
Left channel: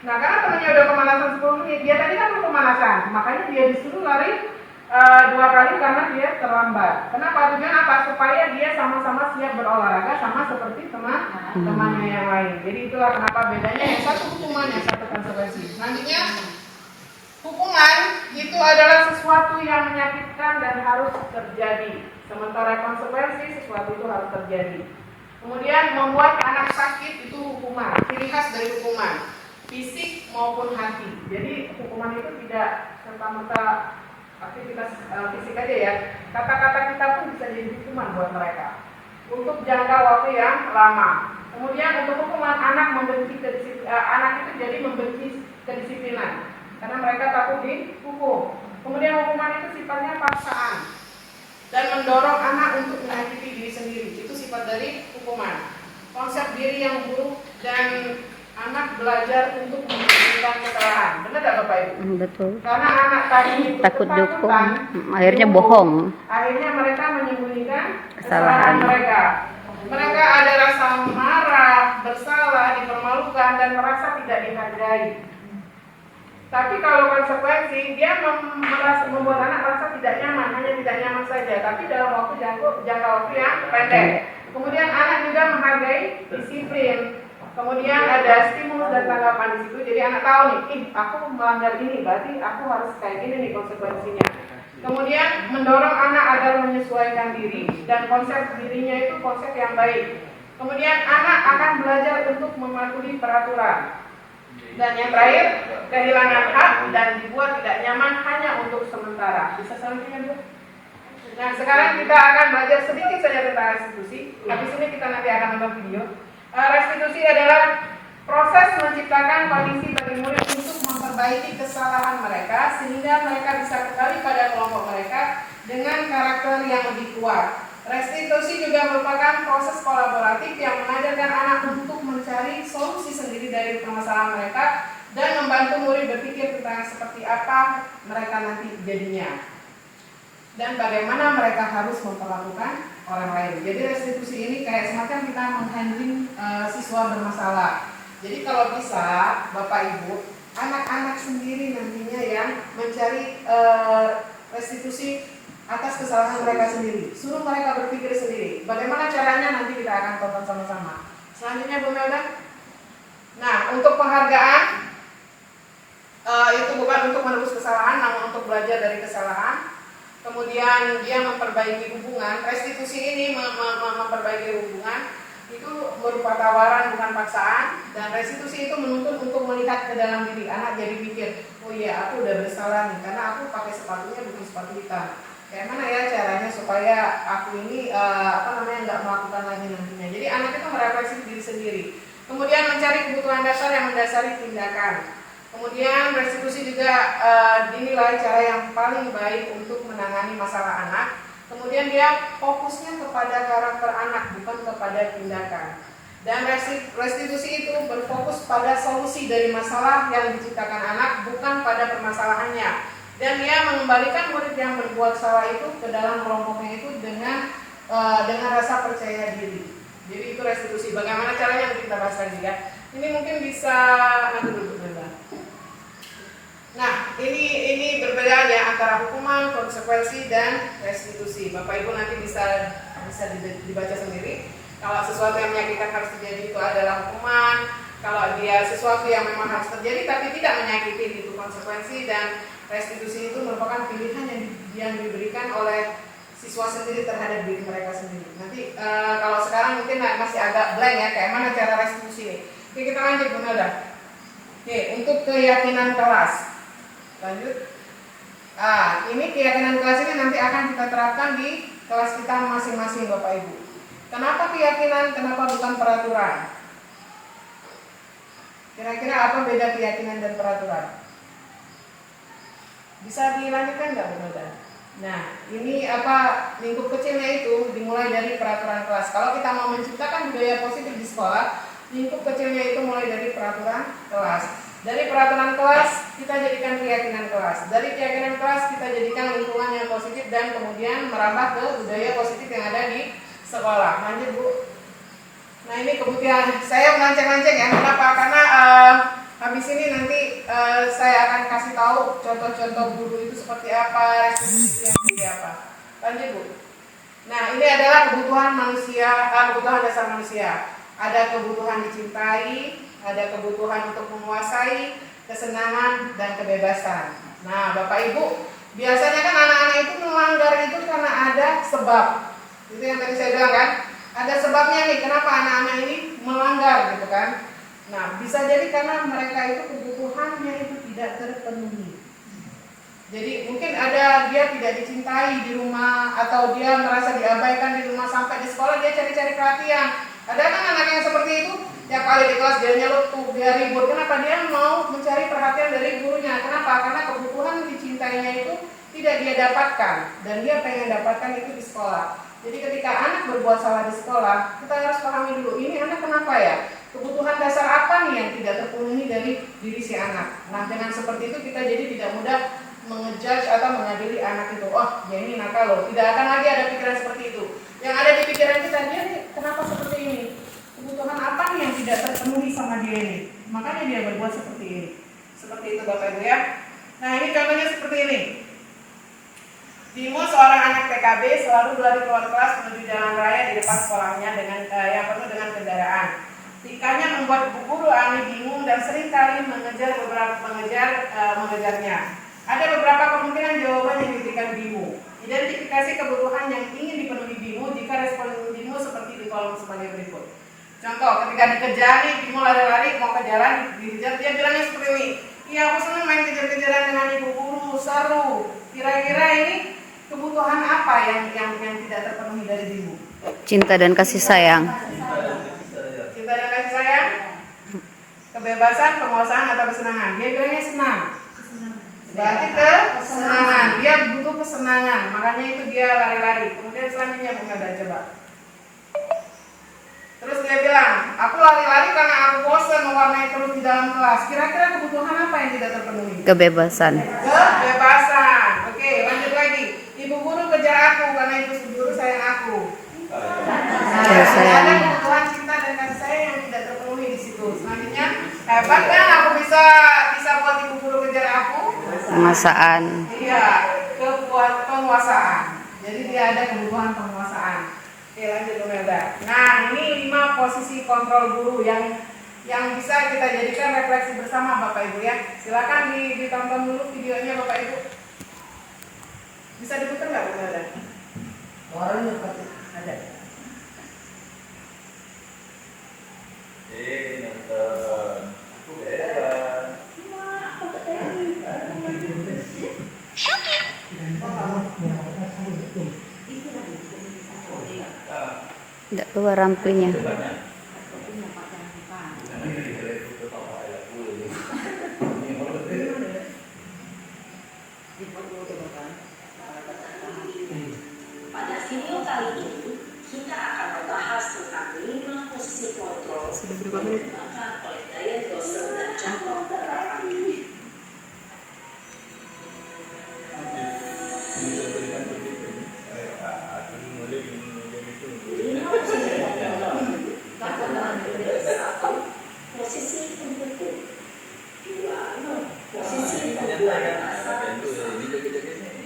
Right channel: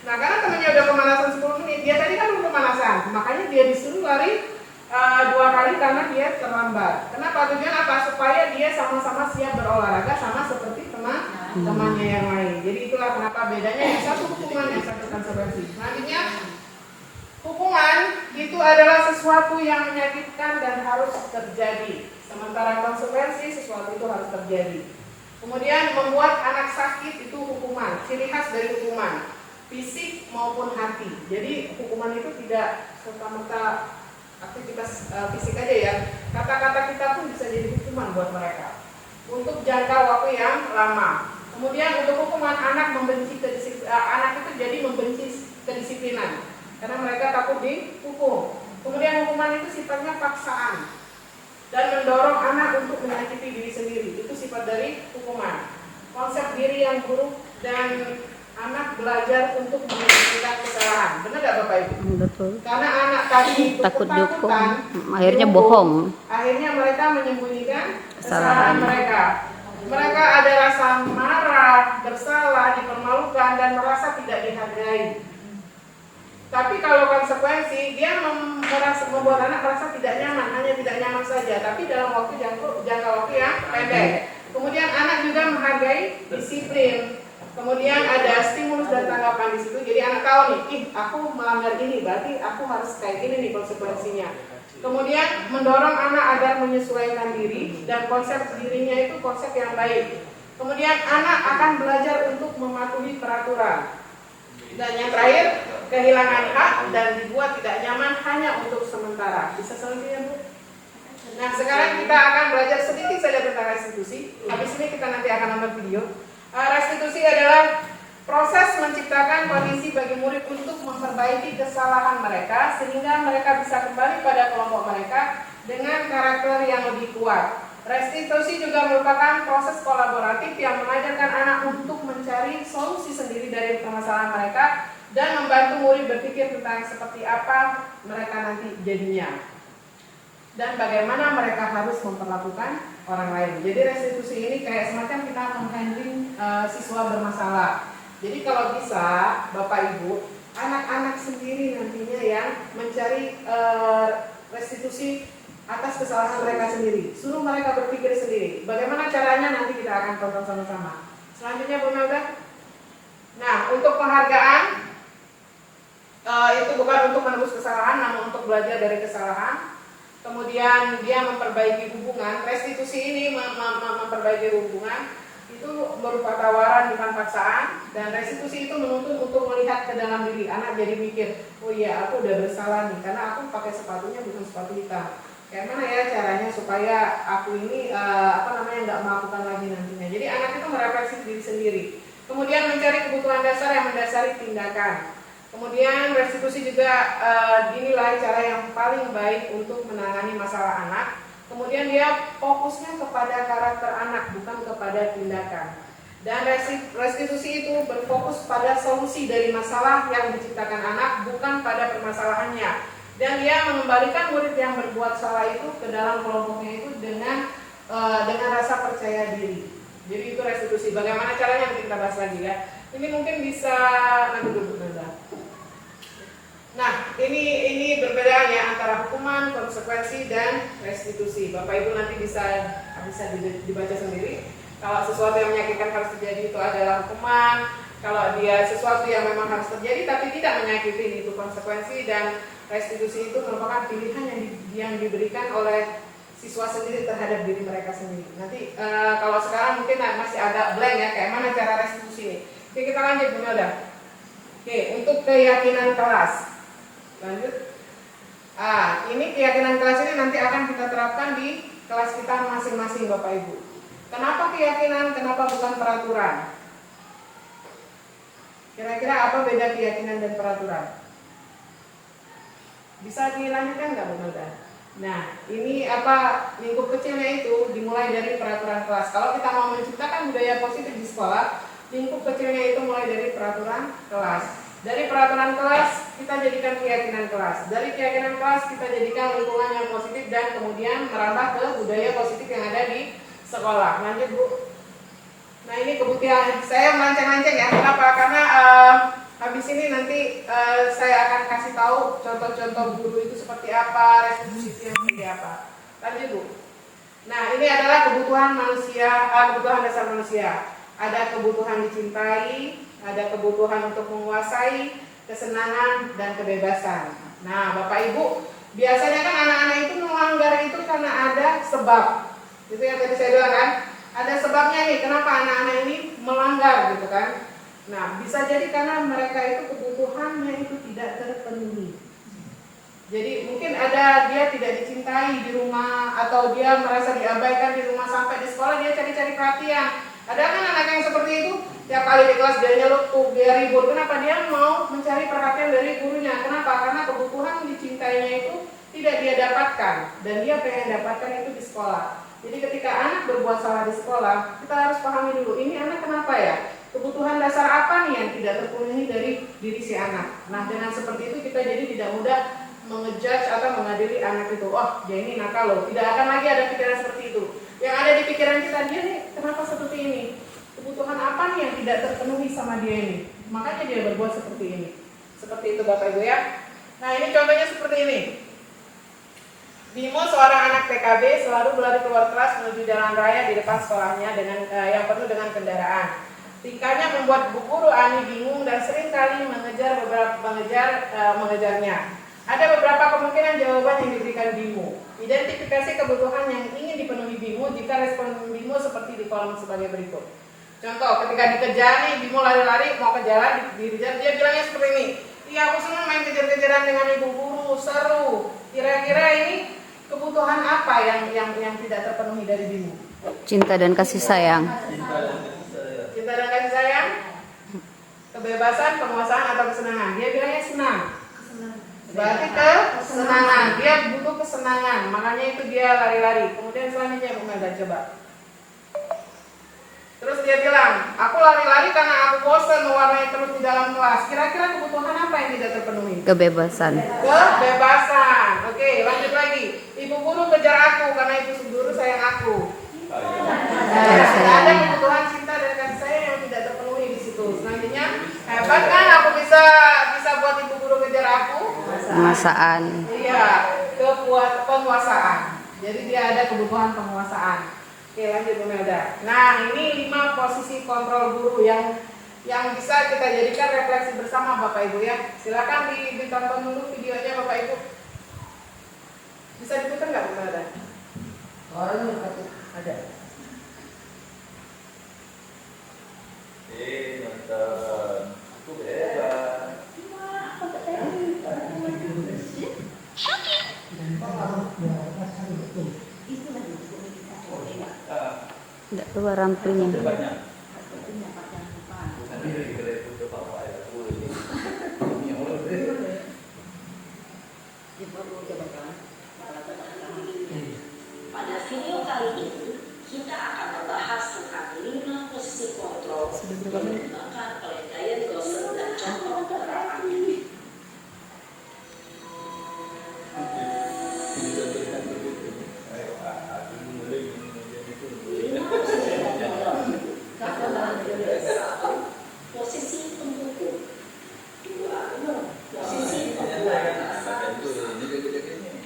Nah, karena temannya udah pemanasan 10 menit, dia tadi kan belum pemanasan, makanya dia disuruh lari 2 kali karena dia terlambat. Kenapa? Tujuan apa? Supaya dia sama-sama siap berolahraga sama seperti teman-temannya yang lain. Jadi itulah kenapa bedanya, yang satu hukuman, yang satu konsekuensi. Selanjutnya, hukuman itu adalah sesuatu yang menyakitkan dan harus terjadi. Sementara konsekuensi sesuatu itu harus terjadi. Kemudian membuat anak sakit itu hukuman, ciri khas dari hukuman, fisik maupun hati. Jadi hukuman itu tidak serta-merta aktivitas fisik aja ya. Kata-kata kita pun bisa jadi hukuman buat mereka untuk jangka waktu yang lama. Kemudian untuk hukuman anak anak itu jadi membenci kedisiplinan karena mereka takut dihukum. Kemudian hukuman itu sifatnya paksaan dan mendorong anak untuk menyakiti diri sendiri. Itu sifat dari hukuman. Konsep diri yang buruk dan anak belajar untuk menyembunyikan kesalahan. Benar tidak Bapak Ibu? Betul. Karena anak tadi Takut dihukum, ketakutan, akhirnya dihukum, bohong. Akhirnya mereka menyembunyikan Kesalahan. kesalahan mereka. Mereka ada rasa marah, bersalah, dipermalukan dan merasa tidak dihargai. Tapi kalau konsekuensi, dia membuat anak merasa tidak nyaman, hanya tidak nyaman saja, tapi dalam waktu jangka waktu yang pendek. Kemudian anak juga menghargai disiplin. Kemudian ada stimulus dan tanggapan di situ. Jadi anak tahu nih, aku melanggar ini, berarti aku harus kayak gini nih konsekuensinya. Kemudian mendorong anak agar menyesuaikan diri dan konsep dirinya itu konsep yang baik. Kemudian anak akan belajar untuk mematuhi peraturan. Dan yang terakhir, kehilangan hak dan dibuat tidak nyaman hanya untuk sementara. Bisa selanjutnya Bu? Nah sekarang kita akan belajar sedikit saja tentang restitusi. Habis ini kita nanti akan nonton video. Restitusi adalah proses menciptakan kondisi bagi murid untuk memperbaiki kesalahan mereka sehingga mereka bisa kembali pada kelompok mereka dengan karakter yang lebih kuat. Restitusi juga merupakan proses kolaboratif yang mengajarkan anak untuk mencari solusi sendiri dari permasalahan mereka dan membantu murid berpikir tentang seperti apa mereka nanti jadinya dan bagaimana mereka harus memperlakukan orang lain. Jadi restitusi ini kayak semacam kita menghandling siswa bermasalah. Jadi kalau bisa Bapak Ibu, anak-anak sendiri nantinya yang mencari restitusi atas kesalahan mereka sendiri. Suruh mereka berpikir sendiri. Bagaimana caranya nanti kita akan tonton sama-sama. Selanjutnya Bu Melda. Nah, untuk penghargaan itu bukan untuk menebus kesalahan, namun untuk belajar dari kesalahan. Kemudian dia memperbaiki hubungan. Restitusi ini memperbaiki hubungan itu berupa tawaran bukan paksaan. Dan restitusi itu menuntut untuk melihat ke dalam diri. Anak jadi mikir, oh iya aku udah bersalah nih karena aku pakai sepatunya bukan sepatu hitam. Kayak mana ya caranya supaya aku ini nggak melakukan lagi nantinya. Jadi anak itu merefleksi diri sendiri. Kemudian mencari kebutuhan dasar yang mendasari tindakan. Kemudian restitusi juga dinilai cara yang paling baik untuk menangani masalah anak. Kemudian dia fokusnya kepada karakter anak, bukan kepada tindakan. Dan restitusi itu berfokus pada solusi dari masalah yang diciptakan anak, bukan pada permasalahannya. Dan dia mengembalikan murid yang berbuat salah itu ke dalam kelompoknya itu dengan rasa percaya diri. Jadi itu restitusi. Bagaimana caranya nanti kita bahas lagi ya. Ini mungkin bisa nanti dulu Mbak. Nah, ini berbeda ya antara hukuman, konsekuensi dan restitusi. Bapak Ibu nanti bisa dibaca sendiri. Kalau sesuatu yang menyakitkan harus terjadi itu adalah hukuman. Kalau dia sesuatu yang memang harus terjadi tapi tidak menyakiti itu konsekuensi, dan restitusi itu merupakan pilihan yang diberikan oleh siswa sendiri terhadap diri mereka sendiri. Nanti kalau sekarang mungkin masih agak blank ya, kayak mana cara restitusi ini. Oke, kita lanjut Bu Melda. Oke, untuk keyakinan kelas. Lanjut. Ini keyakinan kelas ini nanti akan kita terapkan di kelas kita masing-masing Bapak Ibu. Kenapa keyakinan, kenapa bukan peraturan? Kira-kira apa beda keyakinan dan peraturan? Bisa dilanjutkan nggak Bu Melda? Nah, ini lingkup kecilnya itu dimulai dari peraturan kelas. Kalau kita mau menciptakan budaya positif di sekolah, lingkup kecilnya itu mulai dari peraturan kelas. Dari peraturan kelas kita jadikan keyakinan kelas. Dari keyakinan kelas kita jadikan lingkungan yang positif dan kemudian merambah ke budaya positif yang ada di sekolah. Lanjut Bu. Nah ini kebutuhan saya melenceng-lenceng ya. Kenapa? Karena Habis ini nanti saya akan kasih tahu contoh-contoh guru itu seperti apa, restitusi yang seperti apa. Lanjut Bu. Nah ini adalah kebutuhan manusia, kebutuhan dasar manusia. Ada kebutuhan dicintai, ada kebutuhan untuk menguasai, kesenangan dan kebebasan. Nah Bapak Ibu, biasanya kan anak-anak itu melanggar itu karena ada sebab. Itu yang tadi saya bilang kan, ada sebabnya nih kenapa anak-anak ini melanggar gitu kan. Nah, bisa jadi karena mereka itu kebutuhannya itu tidak terpenuhi. Jadi mungkin ada dia tidak dicintai di rumah atau dia merasa diabaikan di rumah, sampai di sekolah dia cari-cari perhatian. Ada kan anak yang seperti itu, tiap kali di kelas dia nyelutuk, dia ribut. Kenapa? Dia mau mencari perhatian dari gurunya. Kenapa? Karena kebutuhan dicintainya itu tidak dia dapatkan dan dia pengen dapatkan itu di sekolah. Jadi ketika anak berbuat salah di sekolah, kita harus pahami dulu, ini anak kenapa ya? Kebutuhan dasar apa nih yang tidak terpenuhi dari diri si anak. Nah dengan seperti itu kita jadi tidak mudah mengejudge atau mengadili anak itu. Oh dia ini nakal loh. Tidak akan lagi ada pikiran seperti itu. Yang ada di pikiran kita, dia nih kenapa seperti ini? Kebutuhan apa nih yang tidak terpenuhi sama dia ini? Makanya dia berbuat seperti ini. Seperti itu Bapak Ibu ya. Nah ini contohnya seperti ini. Bimo seorang anak TKB selalu berlari keluar kelas menuju jalan raya di depan sekolahnya dengan yang penuh dengan kendaraan. Tikanya membuat bu guru Ani bingung dan seringkali mengejarnya. Ada beberapa kemungkinan jawaban yang diberikan Bimo. Identifikasi kebutuhan yang ingin dipenuhi Bimo jika respon Bimo seperti di kolom sebagai berikut. Contoh, ketika dikejar nih, Bimo lari-lari mau ke jalan, dia bilangnya seperti ini. Iya, aku senang main kejar-kejaran dengan ibu guru, seru. Kira-kira ini kebutuhan apa yang tidak terpenuhi dari Bimo? Cinta dan kasih sayang. Cinta dan kasih sayang, kebebasan, penguasaan atau kesenangan. Dia bilangnya senang. Berarti kesenangan. Dia butuh kesenangan. Makanya itu dia lari-lari. Kemudian selanjutnya Melda coba. Terus dia bilang, aku lari-lari karena aku bosan mewarnai terus di dalam kelas. Kira-kira kebutuhan apa yang tidak terpenuhi? Kebebasan. Kebebasan. Oke, lanjut lagi. Ibu guru kejar aku karena ibu guru sayang aku. Ada kebutuhan cinta dan kasih sayang yang tidak terpenuhi di situ. Selanjutnya, hebat kan aku bisa buat ibu guru kejar aku? Penguasaan. Iya, penguasaan. Jadi dia ada kebutuhan penguasaan. Oke, lanjut Bu Melda. Nah, ini 5 posisi kontrol guru yang bisa kita jadikan refleksi bersama Bapak Ibu ya. Silakan ditonton dulu videonya Bapak Ibu. Bisa diputar nggak Bu Melda? Orangnya ada. Nonton. Aku bebas. Tidak keluar rampinya. Pada video kali ini kita akan membahas tentang 5 posisi kontrol yang digunakan oleh Diane Dawson dan contoh penerapannya. Posisi pendukung, 2 posisi pembuat,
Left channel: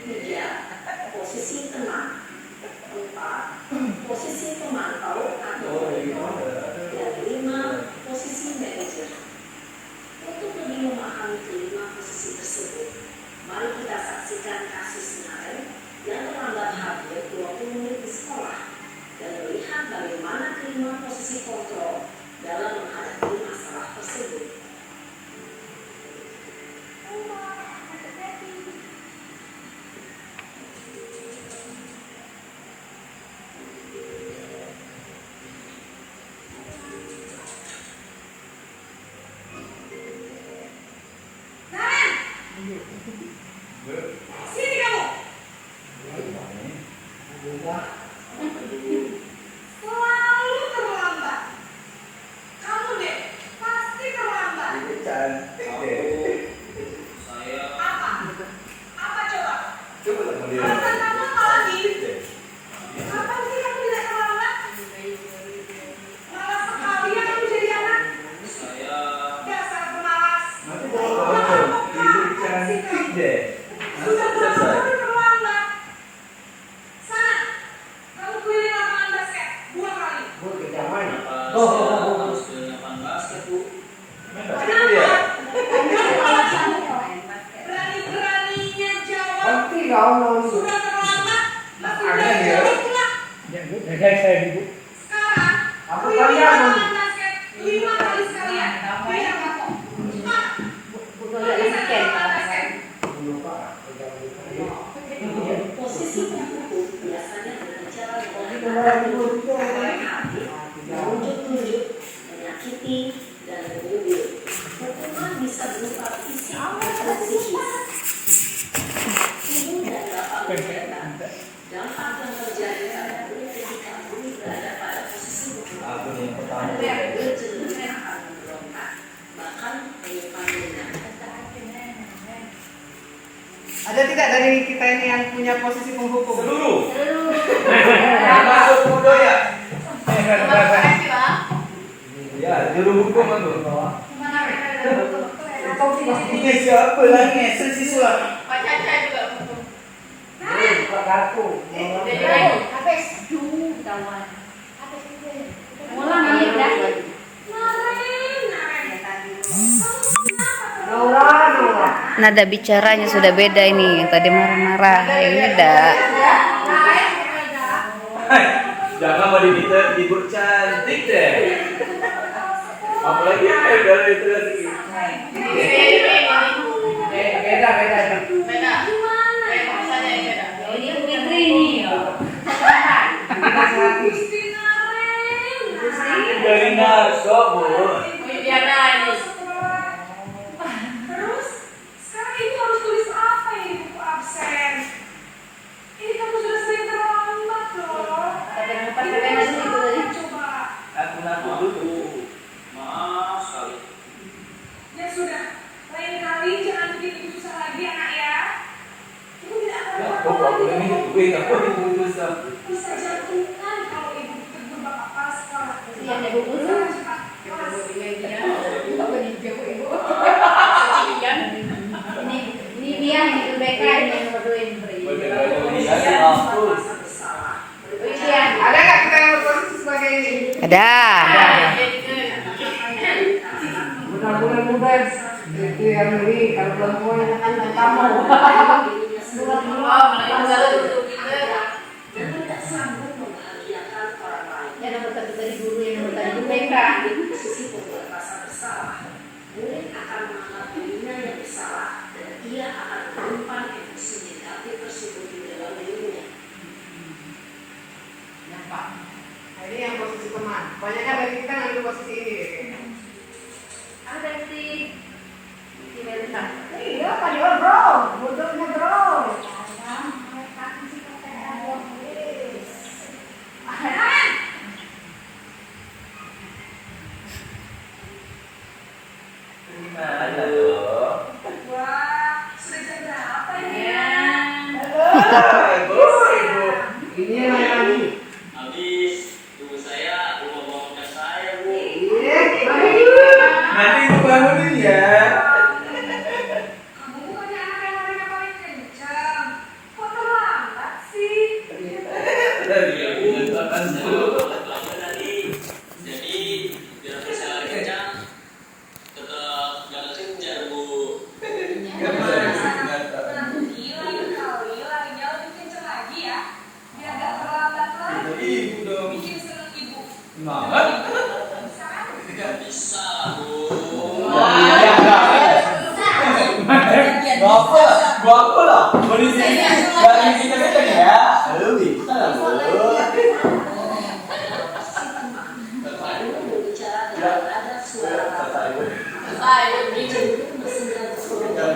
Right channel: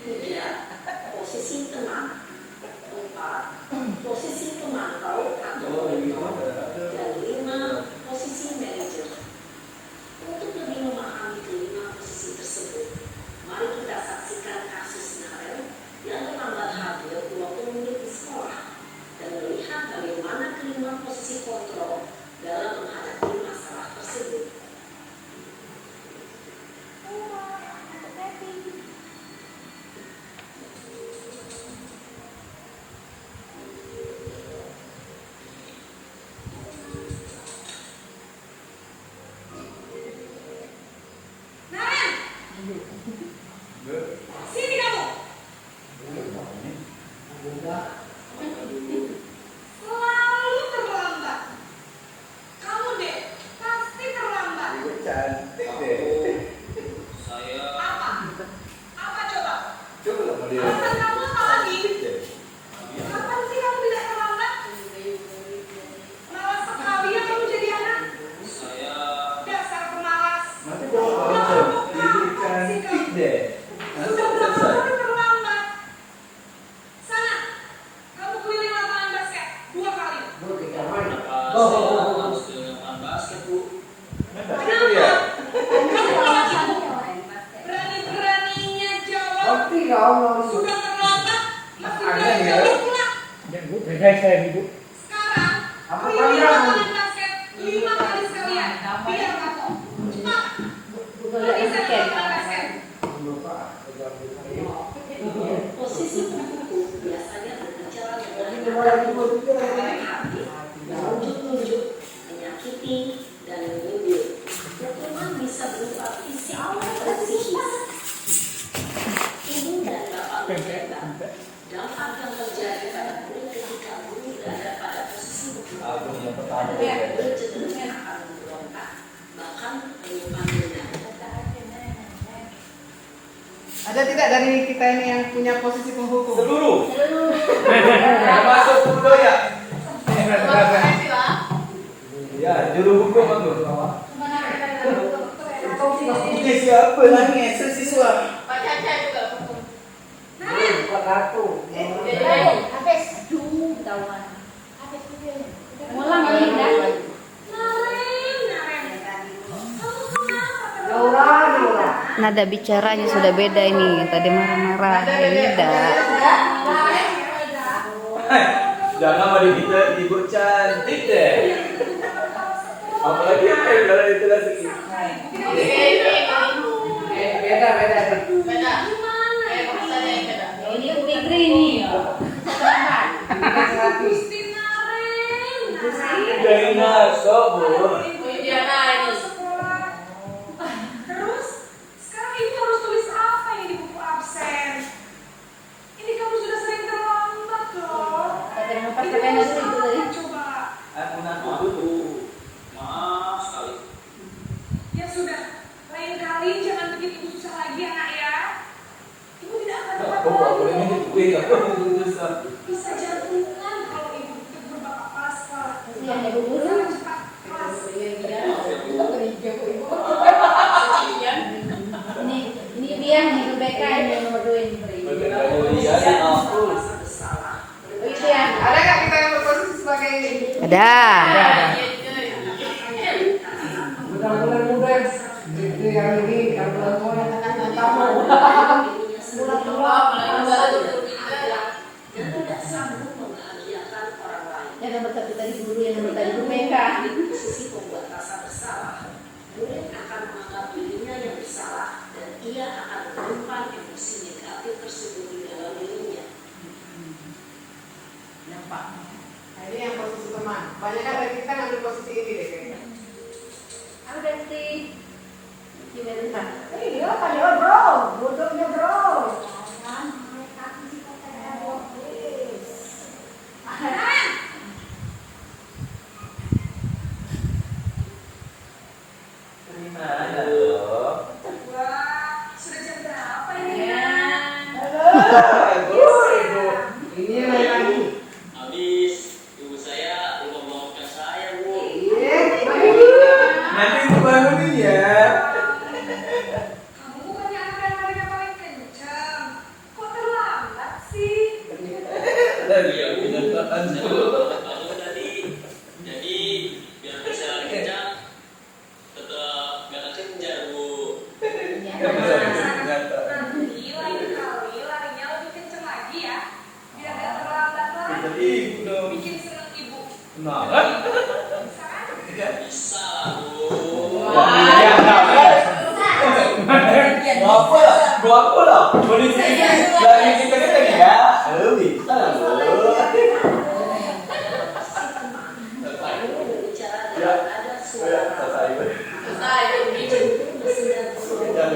3 posisi teman, 4 posisi pemantau atau monitor, dan 5 posisi manajer. Untuk lebih memahami kelima posisi tersebut, mari kita saksikan kasus Naren yang terlambat hadir 20 menit di sekolah dan melihat bagaimana kelima posisi kontrol dalam menghadapi masalah tersebut. Sini kamu. Selalu terlambat. Kamu deh, pasti terlambat. Apa? Apa coba? Alasan kamu apa lagi? Kapan sih kamu tidak terlambat? Malas sekali ya kamu jadi anak. Dasar pemalas. Sudah berapa selesai. udah terlambat. Sana, kamu keliling lapangan basket 2 kali. Harus ke lapangan basket, Bu. Kenapa dia? Berani-beraninya jawab. Sudah terlambat. Masih belum pulang. Saya ibu. Sekarang, keliling lapangan basket 5 kali sekalian. Biar masuk. Cepat. Pergi sana ke lapangan basket. Posisi tertutup biasanya berbicara dengan hati, menunjuk-nunjuk, menyakiti, dan menyindir. Hukuman bisa berupa fisik dan psikis. Ibu dan bapak berkata, dampak yang terjadi pada guru ketika guru berada pada posisi Aku yang pertama. bercenderung akan memberontak, bahkan menyimpan. Ada tidak dari kita ini yang punya posisi penghukum? Seluruh. Termasuk budaya. Ya, juru hukum aku. Ini siapa lagi? Siswa. Mulang ini dah. Nada bicaranya sudah beda ini. Yang tadi marah-marah, yang ini dah. Jangan mau dibilang ibu cantik deh. Apalagi kalau itu lagi. Beda. Ini Fitri nih. Benar, kok Bu. Terus, sekarang ibu harus tulis apa ini di buku absen? Ini kamu sudah sering terlambat loh. Coba. Aku ngaku dulu. Maaf sekali. Ya sudah, lain kali jangan bikin ibu susah lagi anak ya. Ibu tidak akan Ya, apa-apa kok gak boleh lagi. minum gue, gak boleh minum susah. Bisa jantungan kalau ibu tegur bapak pasca. Yang ibu guru. Sana cepat kelas. Ini dia yang kebaikan yang nomor 2 ini. Bener-bener bisa aku. Ada nggak kita yang berposisi sebagai ini? Ada. Mudah. Itu yang ini, kalau belum mau katakan yang kamu. Dan tidak sanggup membahagiakan orang lain. Yang nomor 1 tadi guru, yang nomor tadi BK. Posisi membuat rasa bersalah. Murid akan menganggap dirinya yang bersalah dan ia akan menyimpan emosi negatif tersebut di dalam dirinya. Nah, ini yang posisi teman. Kebanyakan dari kita ngambil posisi ini deh. kayaknya. Ada si Melisa. Iya, kayak bro, bodohnya bro. Gimana loh? Wah, sudah jam berapa ini? Ibu. Ini yang lagi. Habis tunggu saya lupa bawa ke saya, Bu. Nanti ibu bangunin ya. Kamu bukannya anak yang larinya paling kencang. Kok terlambat sih? Tadi ya, mengatakan dulu. Bangun tadi. Jadi biar bisa lagi kencang, tetap jangan kejar, Bu. Gila ini kali, larinya lebih kencang lagi ya. Biar gak terlambat lagi. Jadi ibu dong. Bikin seneng ibu. Kenapa? Sekarang Bisa lah, Bu. Gua aku loh. Kondisi dari kita ya. Aduh, bisa lah, Bu. Berbicara dengan ada suara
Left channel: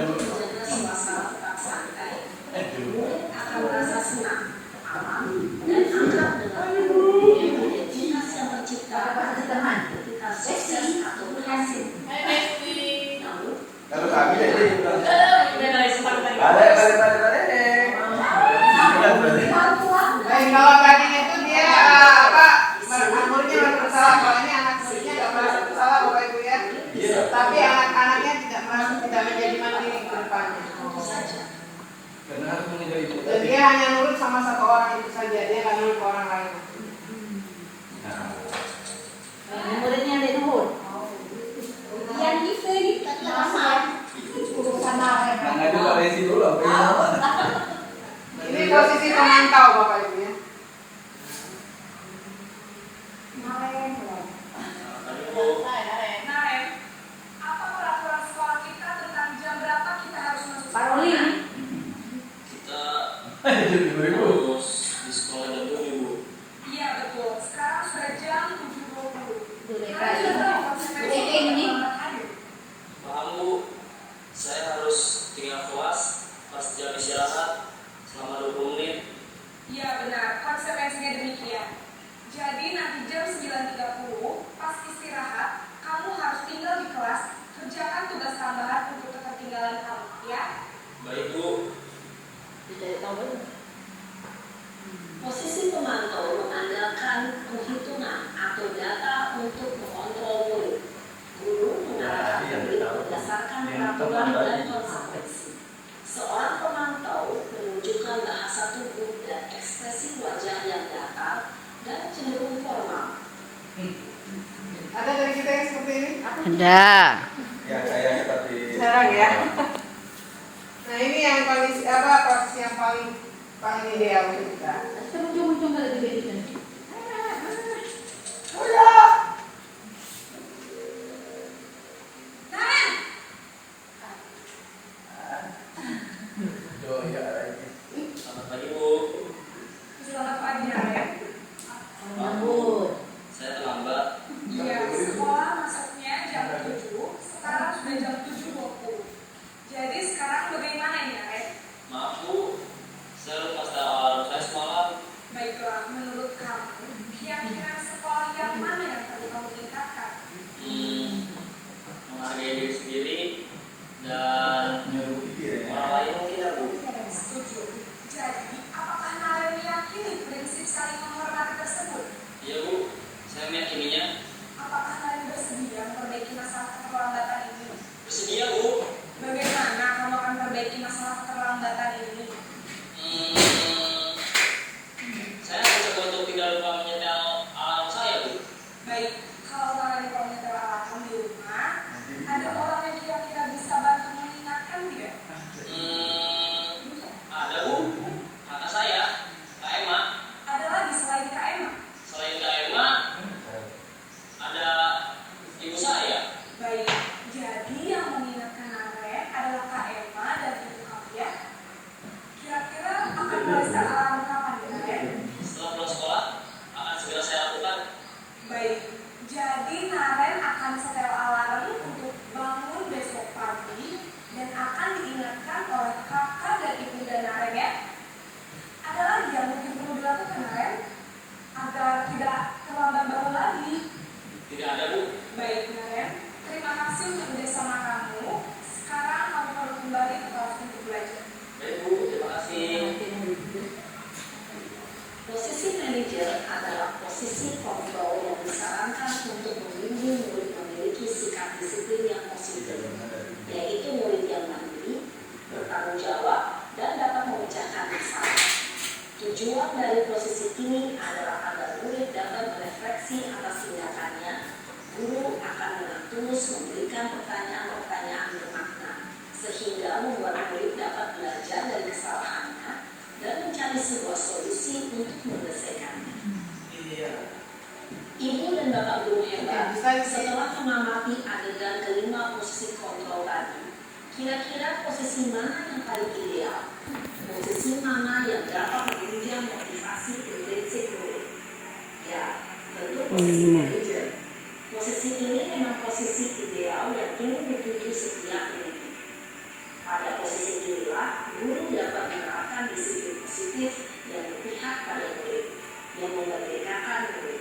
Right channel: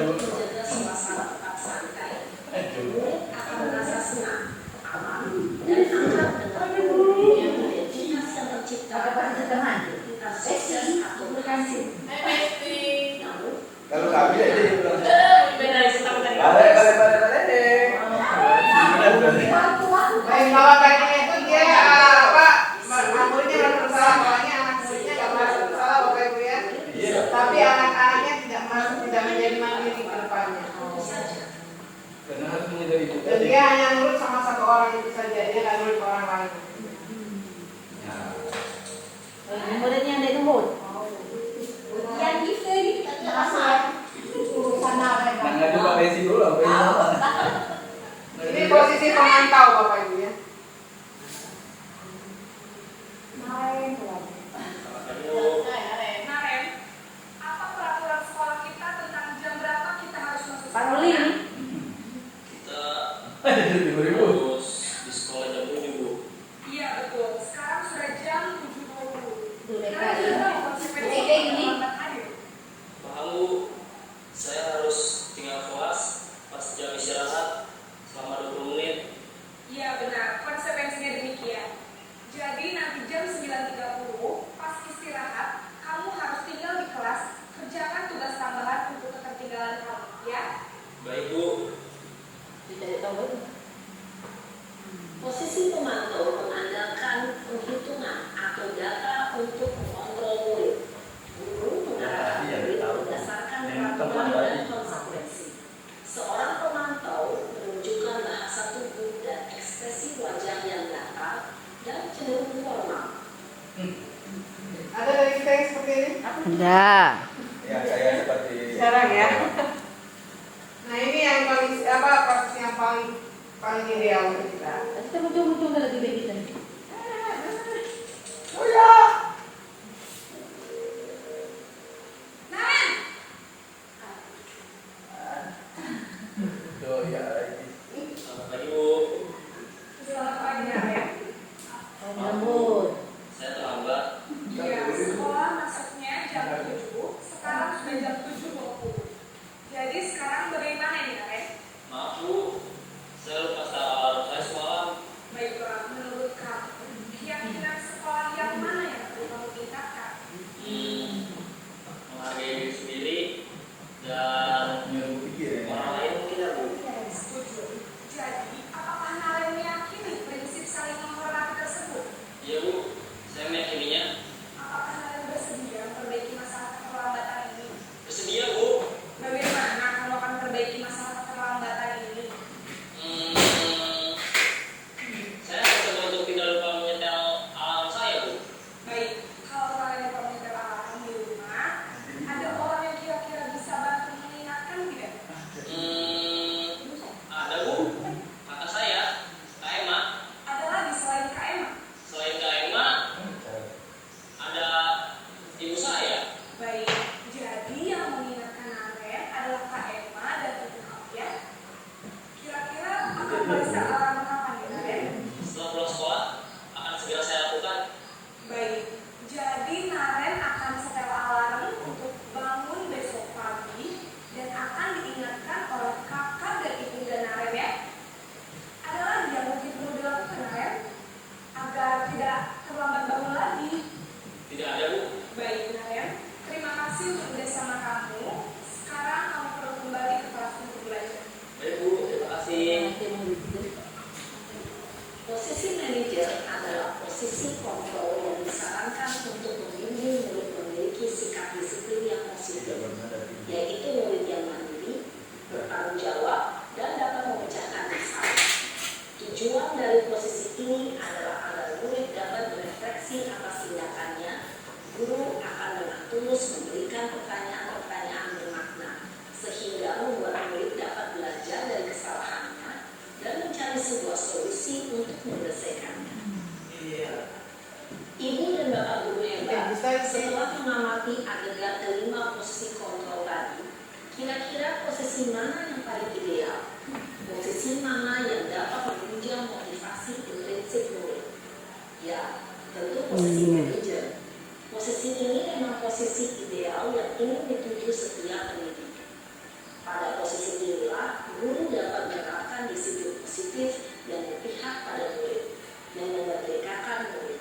menjaga suasana tetap santai. Murid akan merasa senang, aman, dan akrab dengan guru yang identitas yang menciptakan identitas sukses atau berhasil. Namun, Kalau kami ya dia bilang. Balik. Baik, kalau tadinya itu dia muridnya merasa bersalah, soalnya anak muridnya nggak merasa bersalah, Bapak Ibu ya. Iya. Tapi anak-anaknya tidak menjadi mandiri ke depannya. tentu saja menjadi itu Dan tadi. dia hanya nurut sama satu orang itu saja, dia nggak nurut ke orang lain. Muridnya ada nurut. Yang kita kita sama Urusan apa? Nah, itu Pak Resi dulu, Pak Resi apa? Ini posisi pemantau Bapak Ibu ya. Main. Naren, apa peraturan sekolah kita tentang jam berapa kita harus masuk Paroli ini. Kita Jadi 2000. harus di sekolah jam 7. Iya betul, sekarang sudah jam 7.20. Udah Kalian sudah tahu konsekuensi kayak gini. terlambat hadir? Paham Bu, saya harus tinggal kelas pas jam istirahat selama 20 menit. Iya benar, konsekuensinya demikian. Jadi nanti jam 9.30 pas istirahat, kamu harus tinggal di kelas, kerjakan tugas tambahan untuk ketertinggalan kamu, ya? Baik Bu. Tidak tahu. Posisi pemantau mengandalkan penghitungan atau data untuk mengontrol murid. Guru mengarahkan murid berdasarkan peraturan dan konsekuensi. Seorang pemantau menunjukkan bahasa tubuh dan ekspresi wajah yang datar dan cenderung formal. Ada dari kita yang seperti ini? Ada. Ya, saya seperti Jarang ya. Nah ini yang kondisi posisi yang paling ideal untuk kita. Kita muncul-muncul ke lebih baik kan. Naren, Oh ya lagi. Selamat pagi Bu. selamat pagi Naren. Nyambut. Saya terlambat. Iya, sekolah masuknya jam 7, sekarang sudah jam 7.20. Jadi sekarang bagaimana ini Naren? Maaf Bu, saya lupa start alarm saya semalam. Baiklah, menurut kamu, kira-kira sekolah yang mana yang perlu kamu tingkatkan? Menghargai diri sendiri dan Nyuruh pikir ya. orang lain mungkin ya Bu. Setuju. Jadi, apakah Naren meyakini prinsip saling menghormati tersebut? Iya Bu, saya meyakininya. Apakah Naren bersedia memperbaiki masalah keterlambatan ini? Bersedia Bu. Bagaimana kamu akan memperbaiki masalah keterlambatan ini? Saya akan coba untuk tidak lupa menyetel alarm saya Bu. Baik, kalau Naren lupa menyetel alarm di rumah, ada orang yang kira-kira bisa bantu mengingatkan tidak? Ada Bu, kakak saya, Kak Emma. Ada lagi selain Kak Emma? Selain Kak Emma, ada ibu saya. Baik, jadi yang mengingatkan Naren adalah Kak Emma dan ibu kamu ya. Kira-kira akan merasa alarm kapan ya Naren? Setelah pulang sekolah, akan segera saya lakukan. Baik, jadi Naren akan setel alarm untuk bangun besok pagi dan akan diingatkan oleh kakak dan ibunda Naren ya. Ada lagi yang mungkin perlu dilakukan Naren agar tidak terlambat bangun lagi. Tidak ada Bu. Baik Naren, terima kasih untuk kerjasama kamu. Sekarang kamu perlu kembali ke kelas untuk belajar. Baik Bu, terima kasih. Posisi manajer adalah posisi kontrol yang disarankan untuk membimbing murid memiliki sikap disiplin yang positif, yaitu murid yang mandiri, bertanggung jawab, dan dapat memecahkan masalah. Tujuan dari posisi ini adalah agar murid dapat berefleksi atas tindakannya. Guru akan dengan tulus memberikan pertanyaan-pertanyaan bermakna, sehingga membuat murid dapat belajar dari kesalahannya dan mencari sebuah solusi untuk menyelesaikannya. Ibu dan bapak guru hebat, setelah mengamati adegan kelima posisi kontrol tadi, kira-kira posisi mana yang paling ideal? Posisi mana yang dapat menunjang motivasi intrinsik murid? Ya, tentu posisi manajer. Posisi ini memang posisi ideal yang ingin dituju setiap pendidik. Pada posisi inilah, guru dapat menerapkan disiplin positif yang berpihak pada murid, yang memerdekakan murid.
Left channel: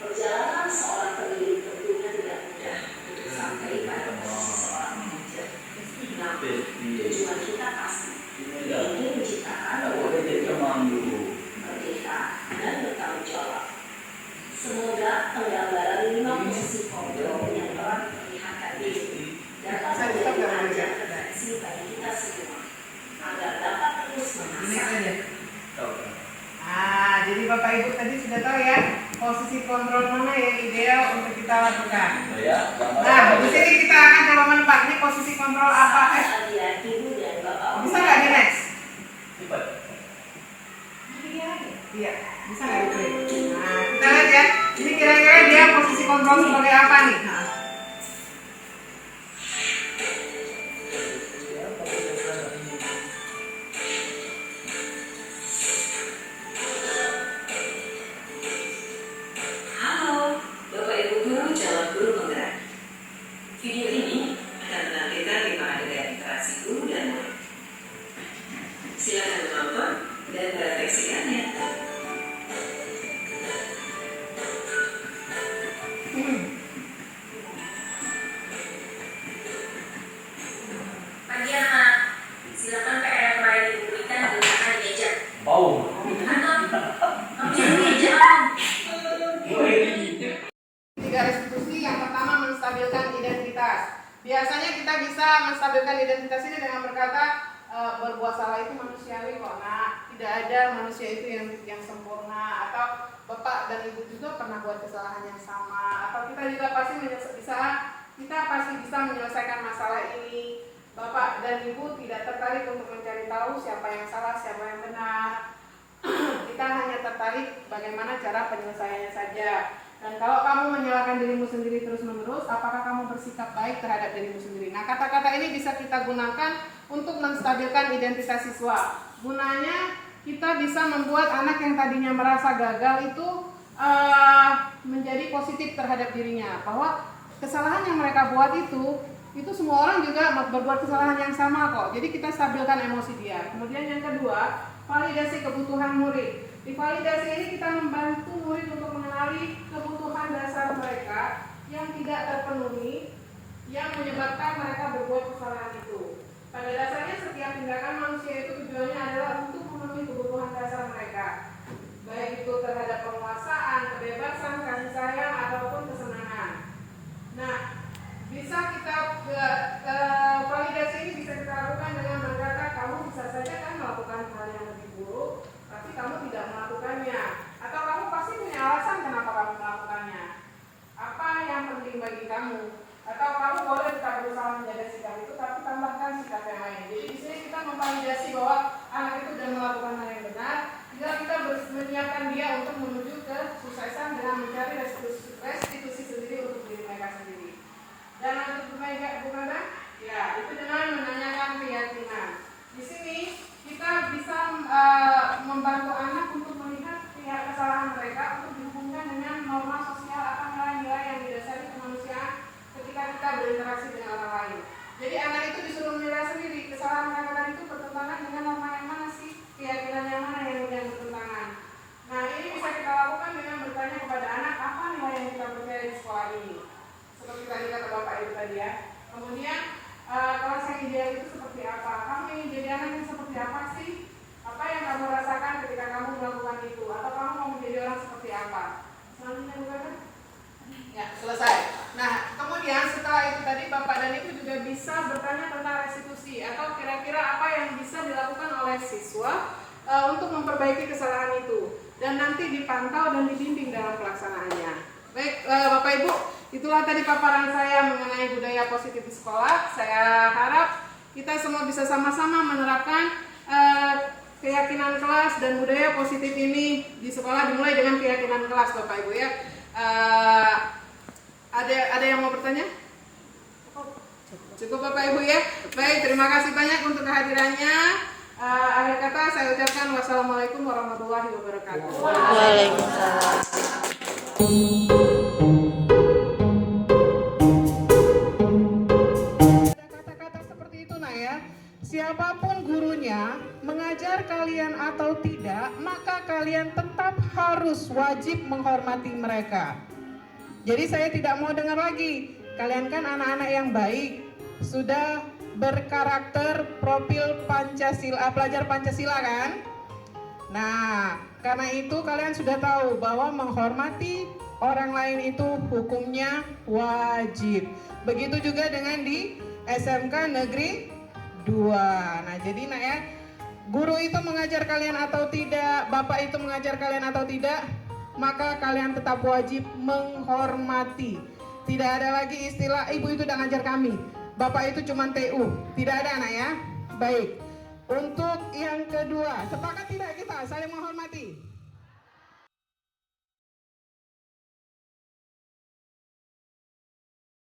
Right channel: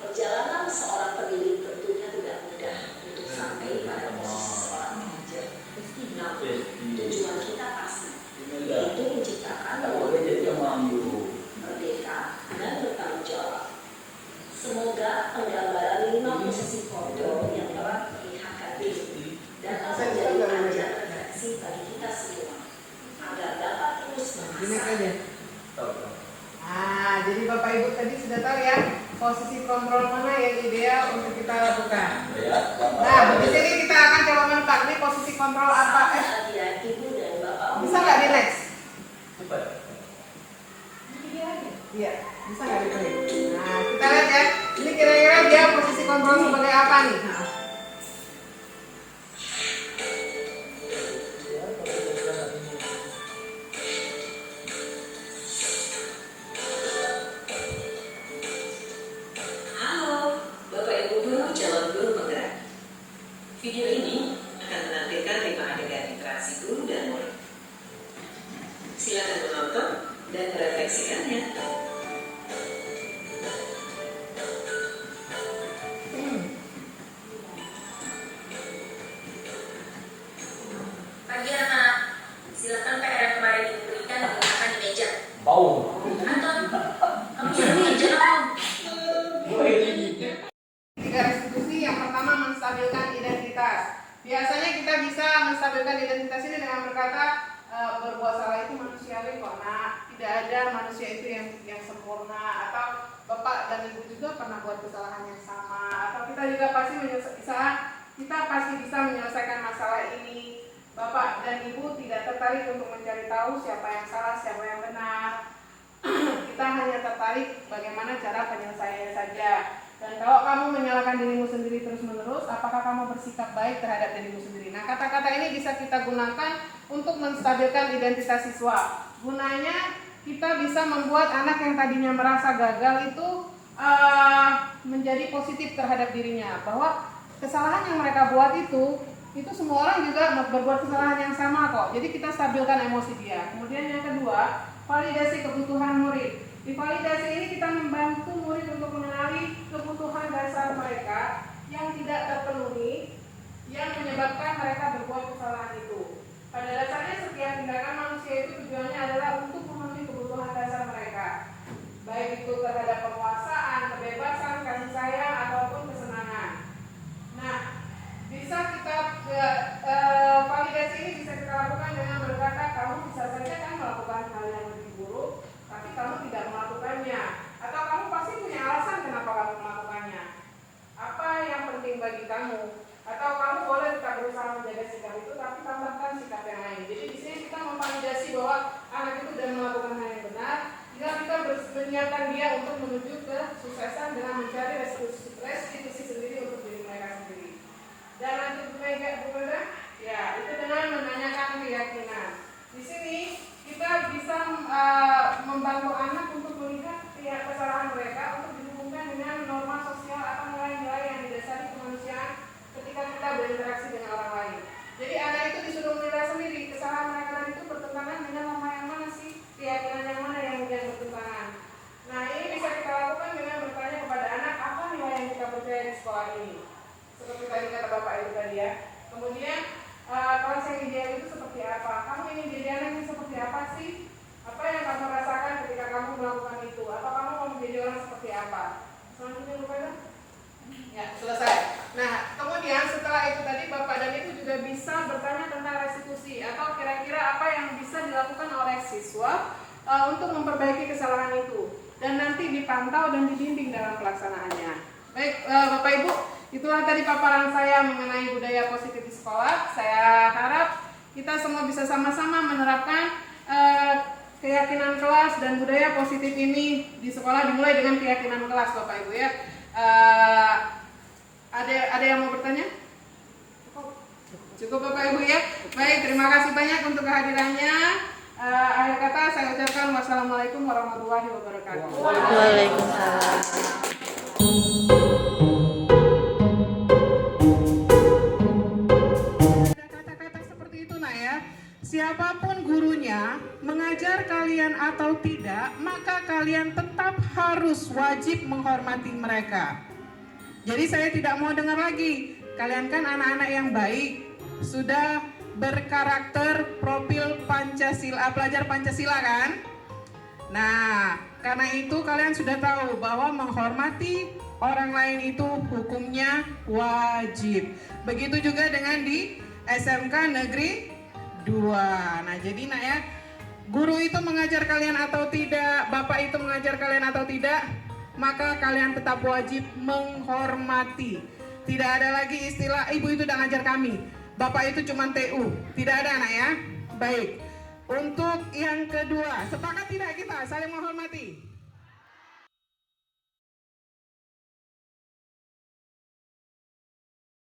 Perjalanan seorang pendidik tentunya tidak mudah untuk sampai pada posisi seorang manajer. Namun, tujuan kita pasti, yaitu menciptakan murid yang merdeka dan bertanggung jawab. Semoga penggambaran 5 posisi kontrol yang telah diperlihatkan ini dapat menjadi ajar refleksi bagi kita semua, agar dapat terus Di next aja. Tahu. Nah, jadi Bapak Ibu tadi sudah tahu ya posisi kontrol mana yang ideal untuk kita lakukan. Ya. Nah, di sini kita akan coba menebak ini posisi kontrol apa. Adik-adik dan bapak. Bisa nggak di next? Cepat. Iya, bisa nggak di play? Nah, kita lihat ya. Ini kira-kira dia posisi kontrol sebagai apa nih? Nah. Halo, Bapak Ibu Guru calon guru penggerak. Video ini akan menampilkan 5 adegan interaksi guru dan murid. Silakan menonton dan merefleksikannya. Pagi anak, silakan PR yang kemarin diberikan diletakkan di meja. Bau. Kamu di meja Om. Tiga restitusi, yang pertama menstabilkan identitas. Biasanya kita bisa menstabilkan identitas ini dengan berkata berbuat salah itu manusiawi kok. Nah, tidak ada manusia itu yang sempurna. Atau Bapak dan Ibu juga pernah buat kesalahan yang sama. Atau kita juga pasti bisa menyelesaikan masalah ini. Bapak dan Ibu tidak tertarik untuk mencari tahu siapa yang salah, siapa yang benar. Kita hanya tertarik bagaimana cara penyelesaiannya saja. Dan kalau kamu menyalahkan dirimu sendiri terus-menerus, apakah kamu bersikap baik terhadap dirimu sendiri? Nah, kata-kata ini bisa kita gunakan untuk menstabilkan identitas siswa. Gunanya kita bisa membuat anak yang tadinya merasa gagal itu menjadi positif terhadap dirinya. Bahwa kesalahan yang mereka buat itu semua orang juga berbuat kesalahan yang sama kok. Jadi kita stabilkan emosi dia. Kemudian yang kedua, validasi kebutuhan murid. Di validasi ini kita membantu murid untuk mengenali kebutuhan dasar mereka yang tidak terpenuhi, yang menyebabkan mereka berbuat kesalahan itu. Pada dasarnya setiap tindakan manusia itu tujuannya adalah untuk memenuhi kebutuhan dasar mereka, baik itu terhadap penguasaan, kebebasan, kasih sayang, ataupun kesenangan. Nah, bisa kita validasi ini bisa kita lakukan dengan berkata, kamu bisa saja kan melakukan hal yang lebih buruk, tapi kamu tidak melakukannya. Atau kamu pasti punya alasan kenapa kamu melakukannya. Apa yang penting bagi kamu? Atau kamu boleh tetap berusaha menjaga sikap itu, tapi tambahkan sikap yang lain. Jadi di sini kita memvalidasi bahwa anak itu sudah melakukan hal yang benar. Jika kita menyiapkan dia untuk menuju ke suksesan dengan mencari restitusi sendiri untuk diri mereka sendiri. Dan untuk bukan ya itu dengan menanyakan keyakinan. Di sini kita bisa membantu anak untuk melihat kesalahan mereka untuk dihubungkan dengan norma sosial atau nilai-nilai yang didasari kemanusiaan ketika kita berinteraksi dengan orang lain. Jadi anak itu disuruh menilai sendiri kesalahan mereka tadi itu bertentangan dengan norma yang mana sih, keyakinan yang mana yang bertentangan. Nah, ini bisa kita lakukan dengan bertanya kepada anak apa nilai yang kita percaya di sekolah ini. Seperti tadi kata Bapak Ibu tadi ya. Kemudian kelas yang ideal itu seperti apa? Kamu ingin jadi anak yang seperti apa sih? Apa yang kamu rasakan ketika kamu melakukan itu? Atau kamu mau menjadi orang seperti apa? Selanjutnya bukan? Ya, selesai. Nah, kemudian setelah itu tadi Bapak dan Ibu juga bisa bertanya tentang restitusi atau kira-kira apa yang bisa dilakukan oleh siswa untuk memperbaiki kesalahan itu dan nanti dipantau dan dibimbing dalam pelaksanaannya. Baik, Bapak Ibu, itulah tadi paparan saya mengenai budaya positif di sekolah. Saya harap kita semua bisa sama-sama menerapkan keyakinan kelas dan budaya positif ini di sekolah, dimulai dengan keyakinan kelas, Bapak Ibu ya. Ada yang mau bertanya? Cukup Bapak Ibu ya. Baik, terima kasih banyak untuk kehadirannya. Akhir kata saya ucapkan wassalamualaikum warahmatullahi wabarakatuh. Waalaikumsalam. Kata-kata seperti itu nah ya. Siapapun gurunya, mengajar kalian atau tidak, maka kalian tetap harus wajib menghormati mereka. Jadi saya tidak mau dengar lagi, kalian kan anak-anak yang baik, sudah berkarakter profil Pancasila, pelajar Pancasila kan? Nah, karena itu kalian sudah tahu bahwa menghormati orang lain itu hukumnya wajib. Begitu juga dengan di SMK Negeri 2. Nah, jadi nak ya, guru itu mengajar kalian atau tidak, bapak itu mengajar kalian atau tidak, maka kalian tetap wajib menghormati. Tidak ada lagi istilah ibu itu udah ngajar kami, bapak itu cuma TU. Tidak ada anak ya. Baik. Untuk yang kedua, sepakat tidak kita saling menghormati?